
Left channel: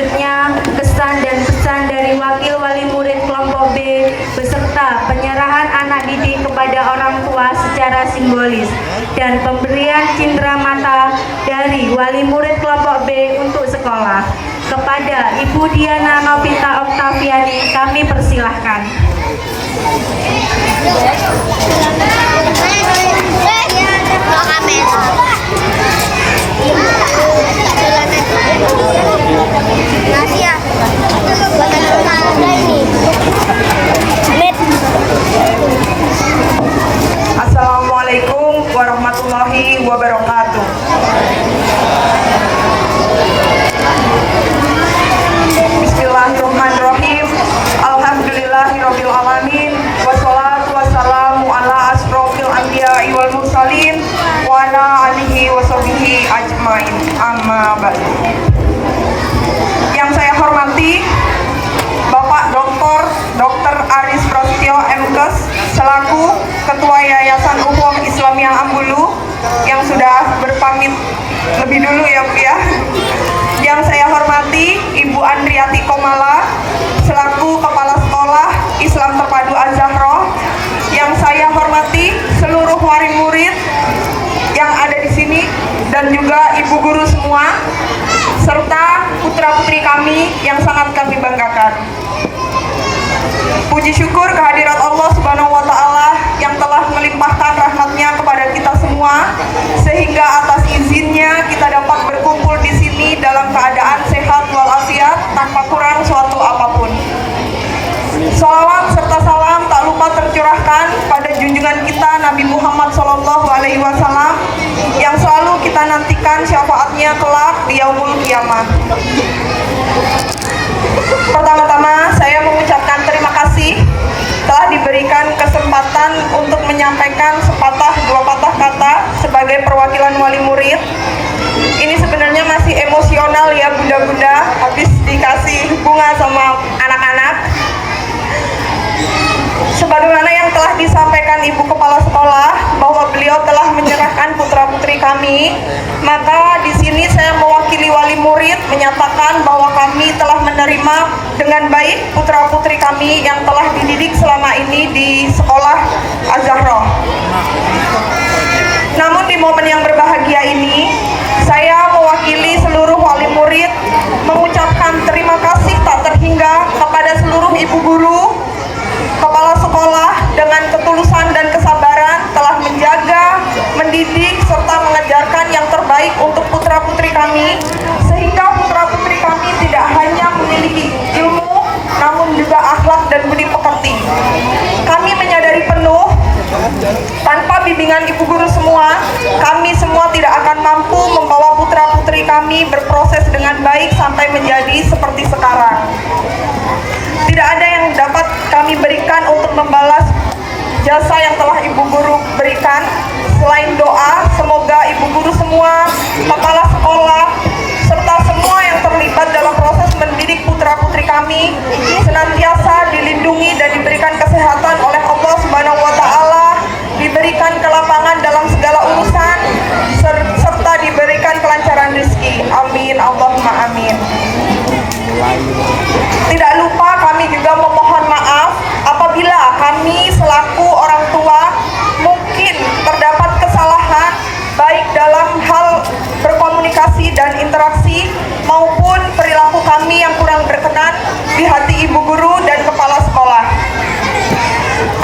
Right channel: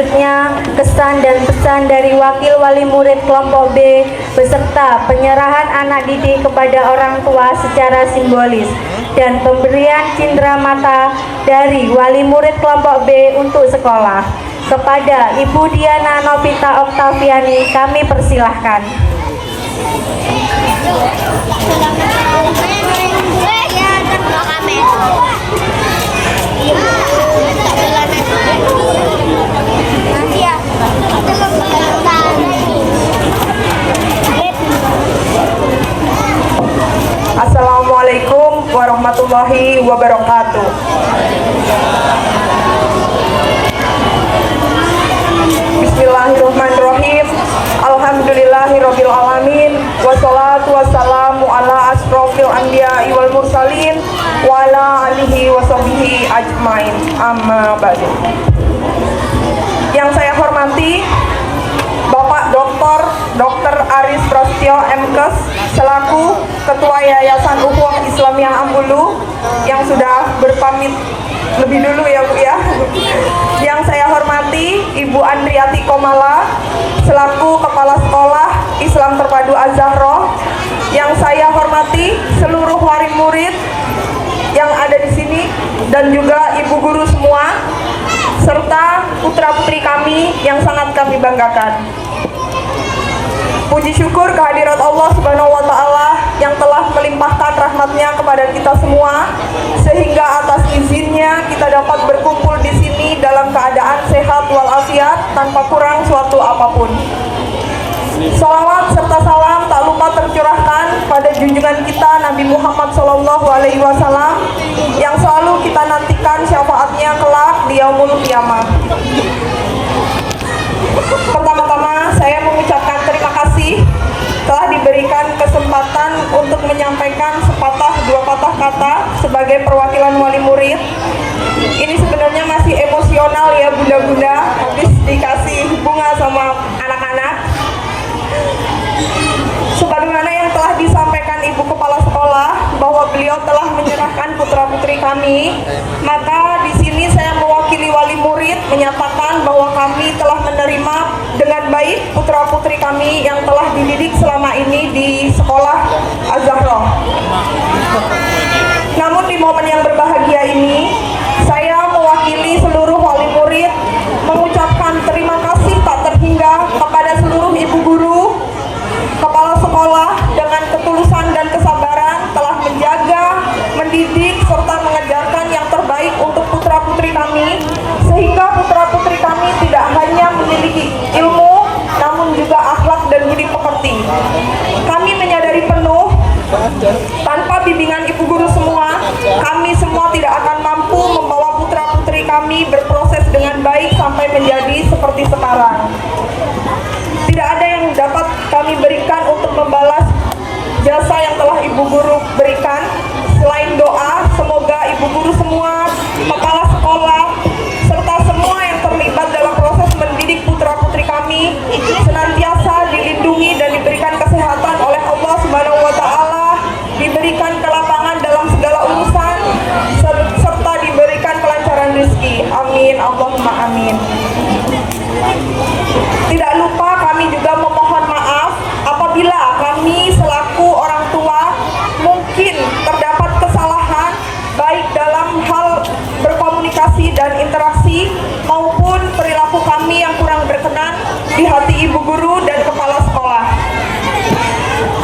Selanjutnya, kesan dan pesan dari Wakil Wali Murid Kelompok B beserta penyerahan anak didik kepada orang tua secara simbolis dan pemberian cindera mata dari Wali Murid Kelompok B untuk sekolah. Kepada Ibu Diana Novita Oktaviani kami persilahkan. Assalamualaikum warahmatullahi wabarakatuh. Bismillahirrahmanirrahim. Alhamdulillahirabbil alamin. Wassalatu wassalamu ala asrofil anbiya'i wal mursalin wa ala alihi washabihi ajmain. Amma ba'du. Yang saya hormati Bapak Dr. Aris Prasetyo MKes selaku Ketua Yayasan Ukhuwah Islamiyah Ambulu yang sudah berpamit lebih dulu ya Bu ya. Yang saya hormati Ibu Andriati Komala selaku Kepala Sekolah Islam Terpadu Az-Zahra. Yang saya hormati seluruh wali murid yang ada di sini dan juga ibu guru semua serta putra-putri kami yang sangat kami banggakan. Puji syukur kehadirat Allah Subhanahu wa Ta'ala yang telah melimpahkan rahmatnya kepada kita semua, sehingga atas izinnya kita dapat berkumpul di sini dalam keadaan sehat walafiat tanpa kurang suatu apapun. Sholawat serta salam tak lupa tercurahkan pada junjungan kita Nabi Muhammad SAW yang selalu kita nantikan syafaatnya kelak di yaumul kiamah. Pertama-tama saya mengucapkan terima kasih telah diberikan kesempatan untuk menyampaikan sepatah dua patah kata sebagai perwakilan wali murid. Ini sebenarnya masih emosional ya bunda-bunda, habis dikasih bunga sama anak-anak. Sebagaimana yang telah disampaikan Ibu Kepala Sekolah bahwa beliau telah menyerahkan putra-putri kami, maka di sini saya mewakili wali murid menyatakan bahwa kami telah menerima dengan baik putra-putri kami yang telah dididik selama ini di sekolah Az-Zahra. Namun di momen yang berbahagia ini, saya mewakili seluruh wali murid mengucapkan terima kasih tak terhingga kepada seluruh ibu guru, kepala sekolah dengan ketulusan dan kesabaran telah menjaga, mendidik, serta mengajarkan yang terbaik untuk putra-putri kami, sehingga putra-putri kami tidak hanya memiliki ilmu, namun juga akhlak dan budi pekerti. Kami menyadari penuh, tanpa bimbingan ibu guru semua, kami semua tidak akan mampu membawa putra-putri kami berproses dengan baik sampai menjadi seperti sekarang. Tidak ada yang dapat kami berikan untuk membalas jasa yang telah ibu guru berikan, selain doa, semoga ibu guru semua, kepala sekolah, serta semua yang terlibat dalam proses mendidik putra-putri kami senantiasa dilindungi dan diberikan kesehatan oleh Allah Subhanahu wa Ta'ala, diberikan kelapangan dalam segala urusan, serta diberikan kelancaran rezeki. Amin, Allahumma amin. Tidak lupa kami juga memohon maaf apabila kami selaku orang tua mungkin terdapat kesalahan baik dalam hal berkomunikasi dan interaksi maupun perilaku kami yang kurang berkenan di hati ibu guru dan kepala sekolah.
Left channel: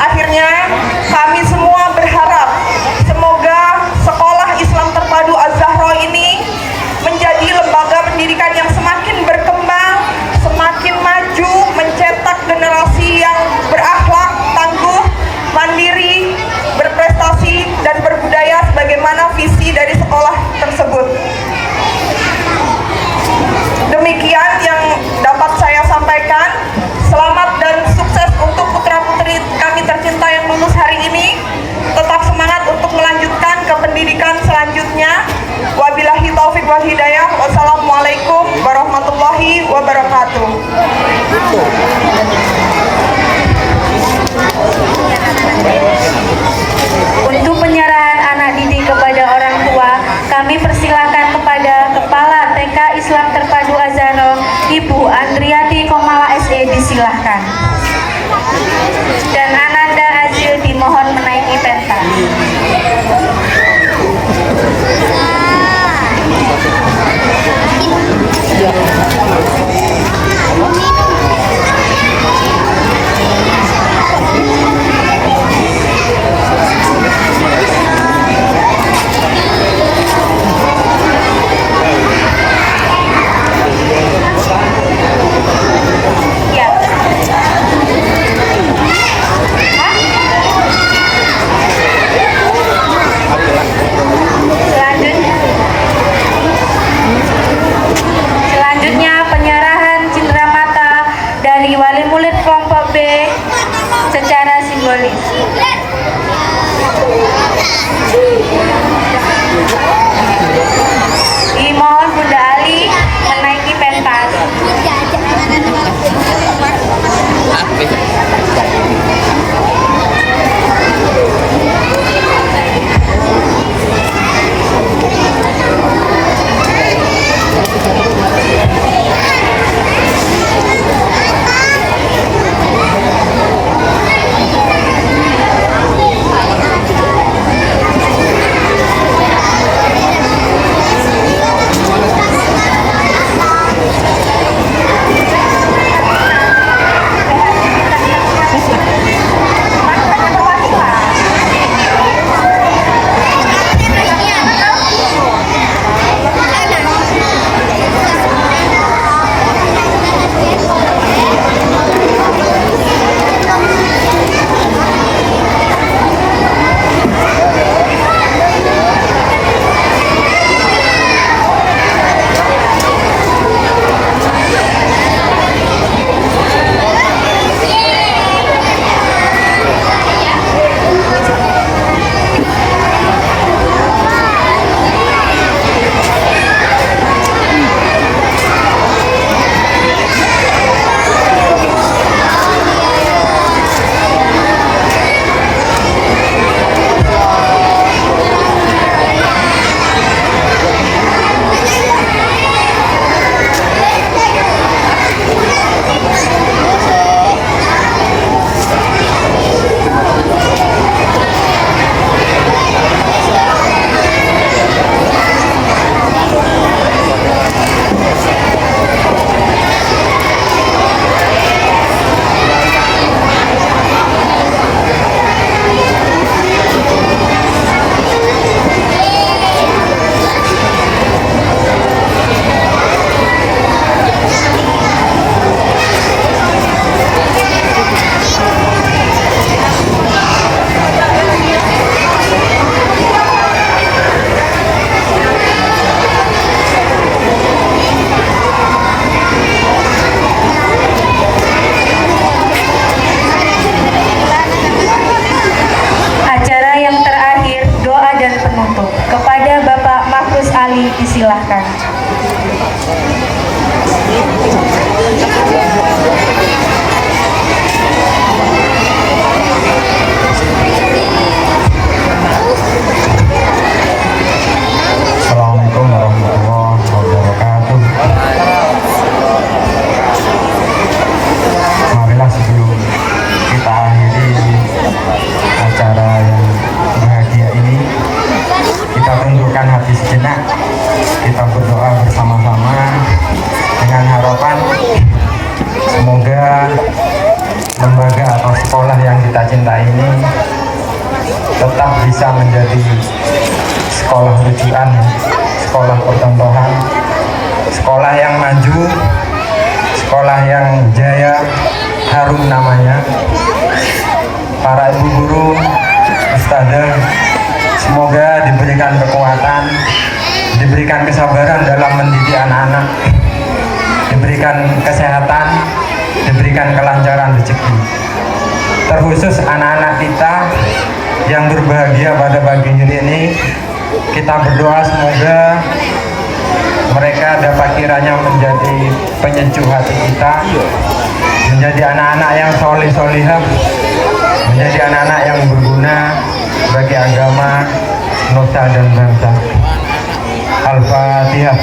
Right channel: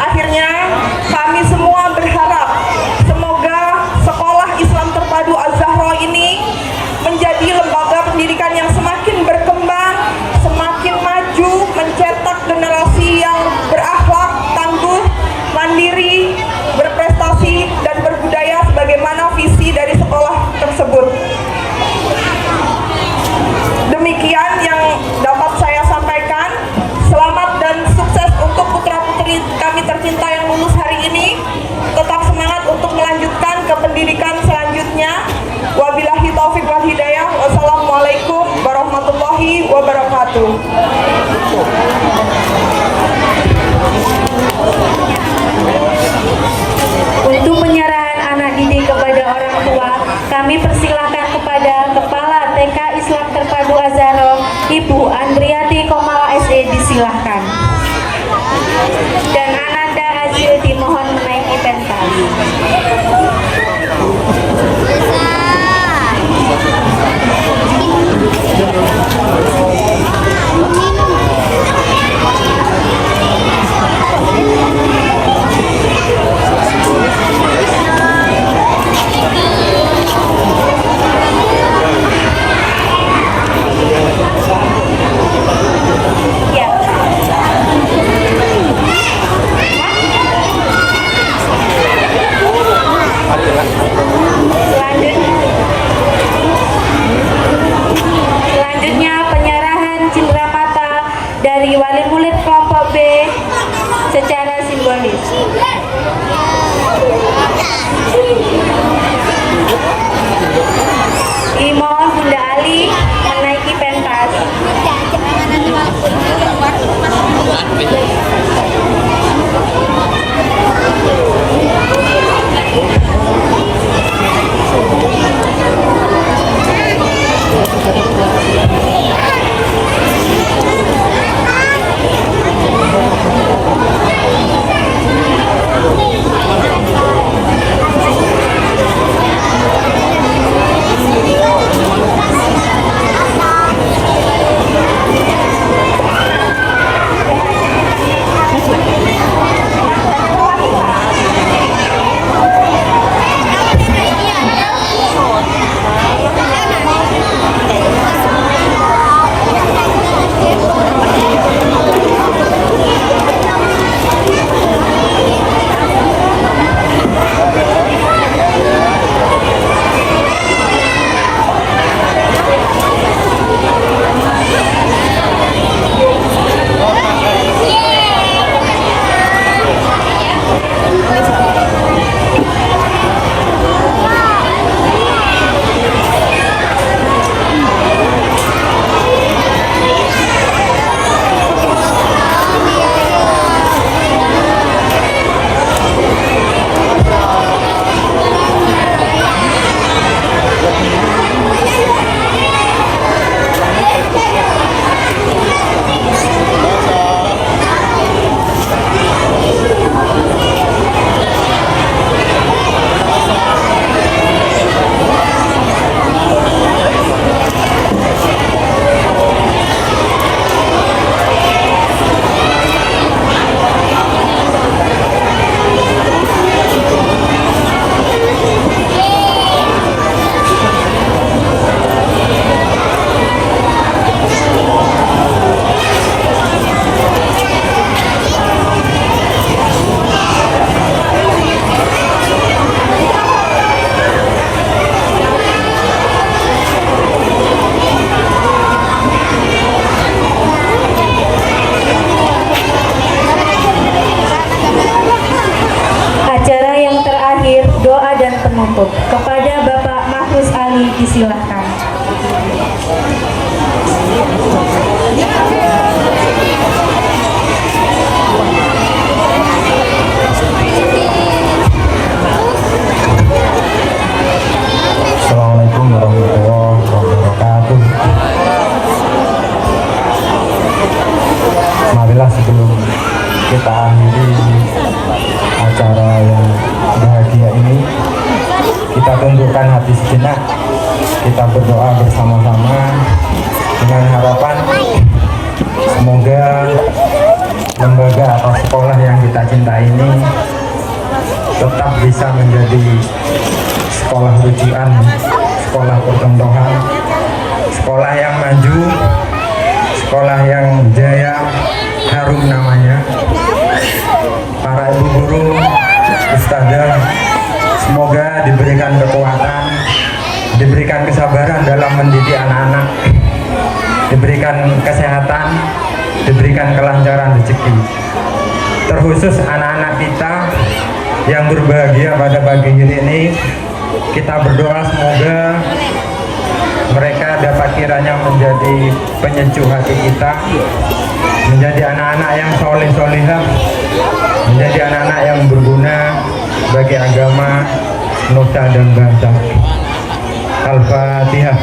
Akhirnya kami semua berharap semoga sekolah Islam Terpadu Az-Zahra ini menjadi lembaga pendidikan yang semakin berkembang, semakin maju, mencetak generasi yang berakhlak, tangguh, mandiri, berprestasi, dan berbudaya sebagaimana visi dari sekolah tersebut. Demikian yang dapat saya sampaikan. Selamat dan sukses untuk putra-putri kami tercinta yang lulus hari ini. Tetap semangat untuk melanjutkan ke pendidikan selanjutnya. Wabillahi taufiq wal hidayah. Wassalamualaikum warahmatullahi wabarakatuh. Untuk penyerahan anak didik kepada orang tua, kami persilakan kepada Kepala TK Islam Terpadu Az-Zahra Ibu Andriati SE disilahkan. Dan Ananda Azil dimohon menaiki pentas. Selanjutnya penyerahan cindera mata dari wali murid kelompok B secara simbolis. Dimohon Bunda Ali menaiki pentas. Disilahkan. Assalamualaikum warahmatullahi wabarakatuh. Marilah sebelum kita akhiri acara yang bahagia ini, kita tundukkan hati sejenak, kita berdoa bersama-sama dengan harapan semoga lembaga atau sekolah yang kita cintai ini tetap bisa menjadi sekolah rujukan, sekolah percontohan, sekolah yang maju, sekolah yang jaya, harum namanya. Para ibu guru, ustadzah, semoga diberikan kekuatan, diberikan kesabaran dalam mendidik anak-anak, diberikan kesehatan, diberikan kelancaran rezeki. Terkhusus anak-anak kita yang berbahagia pada pagi ini, kita berdoa semoga mereka dapat kiranya menjadi penyejuk hati kita, menjadi anak-anak yang soleh-solihah, menjadi anak-anak yang berguna bagi agama, nusa dan bangsa. Al-Fatihah.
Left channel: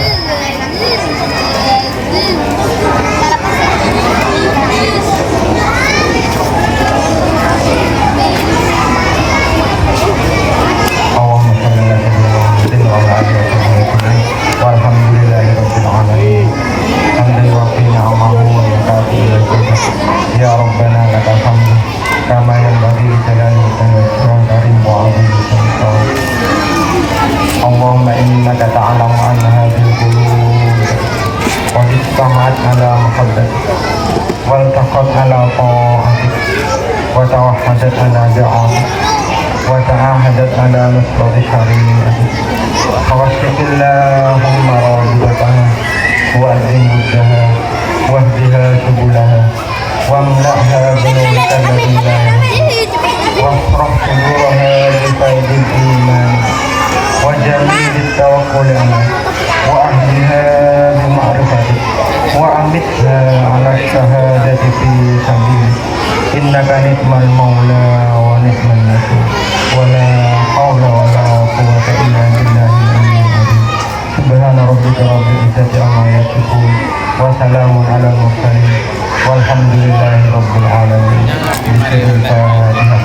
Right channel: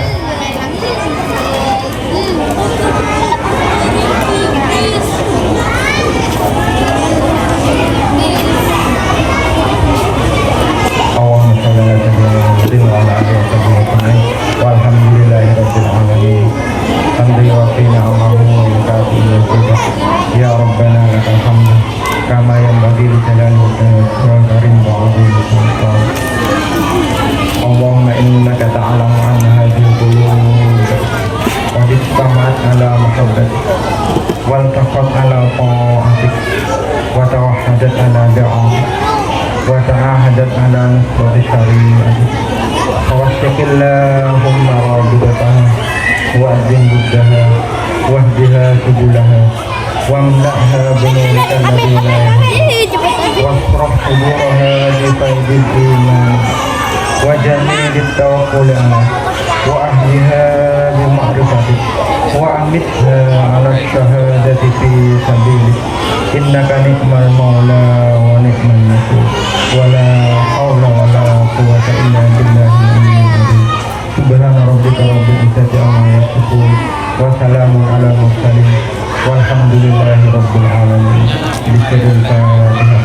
وأمتها على الشهادة في سبيلك إنك نعم المولى ونعم النصير ولا حول ولا قوة إلا بالله العلي العظيم سبحان ربك رب العزة عما يصفون وسلام على المرسلين والحمد لله رب العالمين. بسم الفاتحة.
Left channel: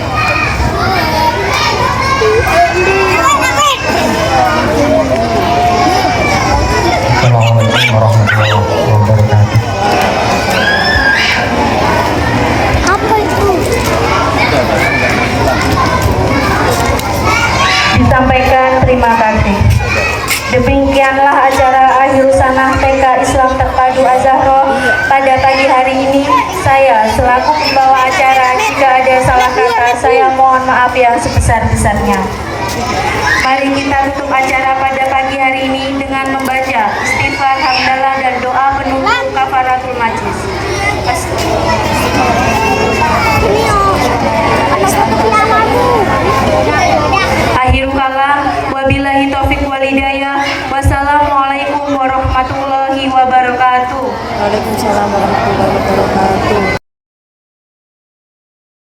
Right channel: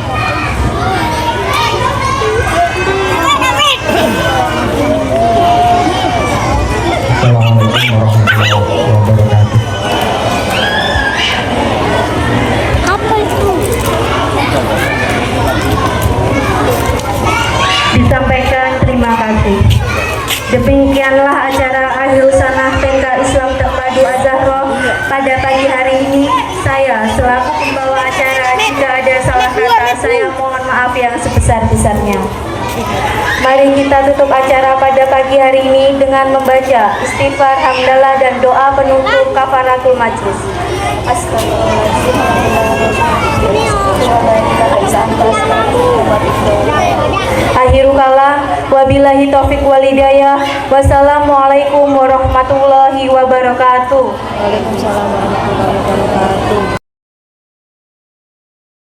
Disampaikan terima kasih. Demikianlah acara Akhir Sanah TK Islam Terpadu Az-Zahra pada pagi hari ini. Saya selaku pembawa acara, jika ada salah kata saya mohon maaf yang sebesar-besarnya. Mari kita tutup acara pada pagi hari ini dengan membaca istighfar, hamdalah dan doa penutup kafaratul majlis. Akhirul kalam, wabillahi taufiq wal hidayah. Wassalamualaikum warahmatullahi wabarakatuh. Waalaikumsalam warahmatullahi wabarakatuh.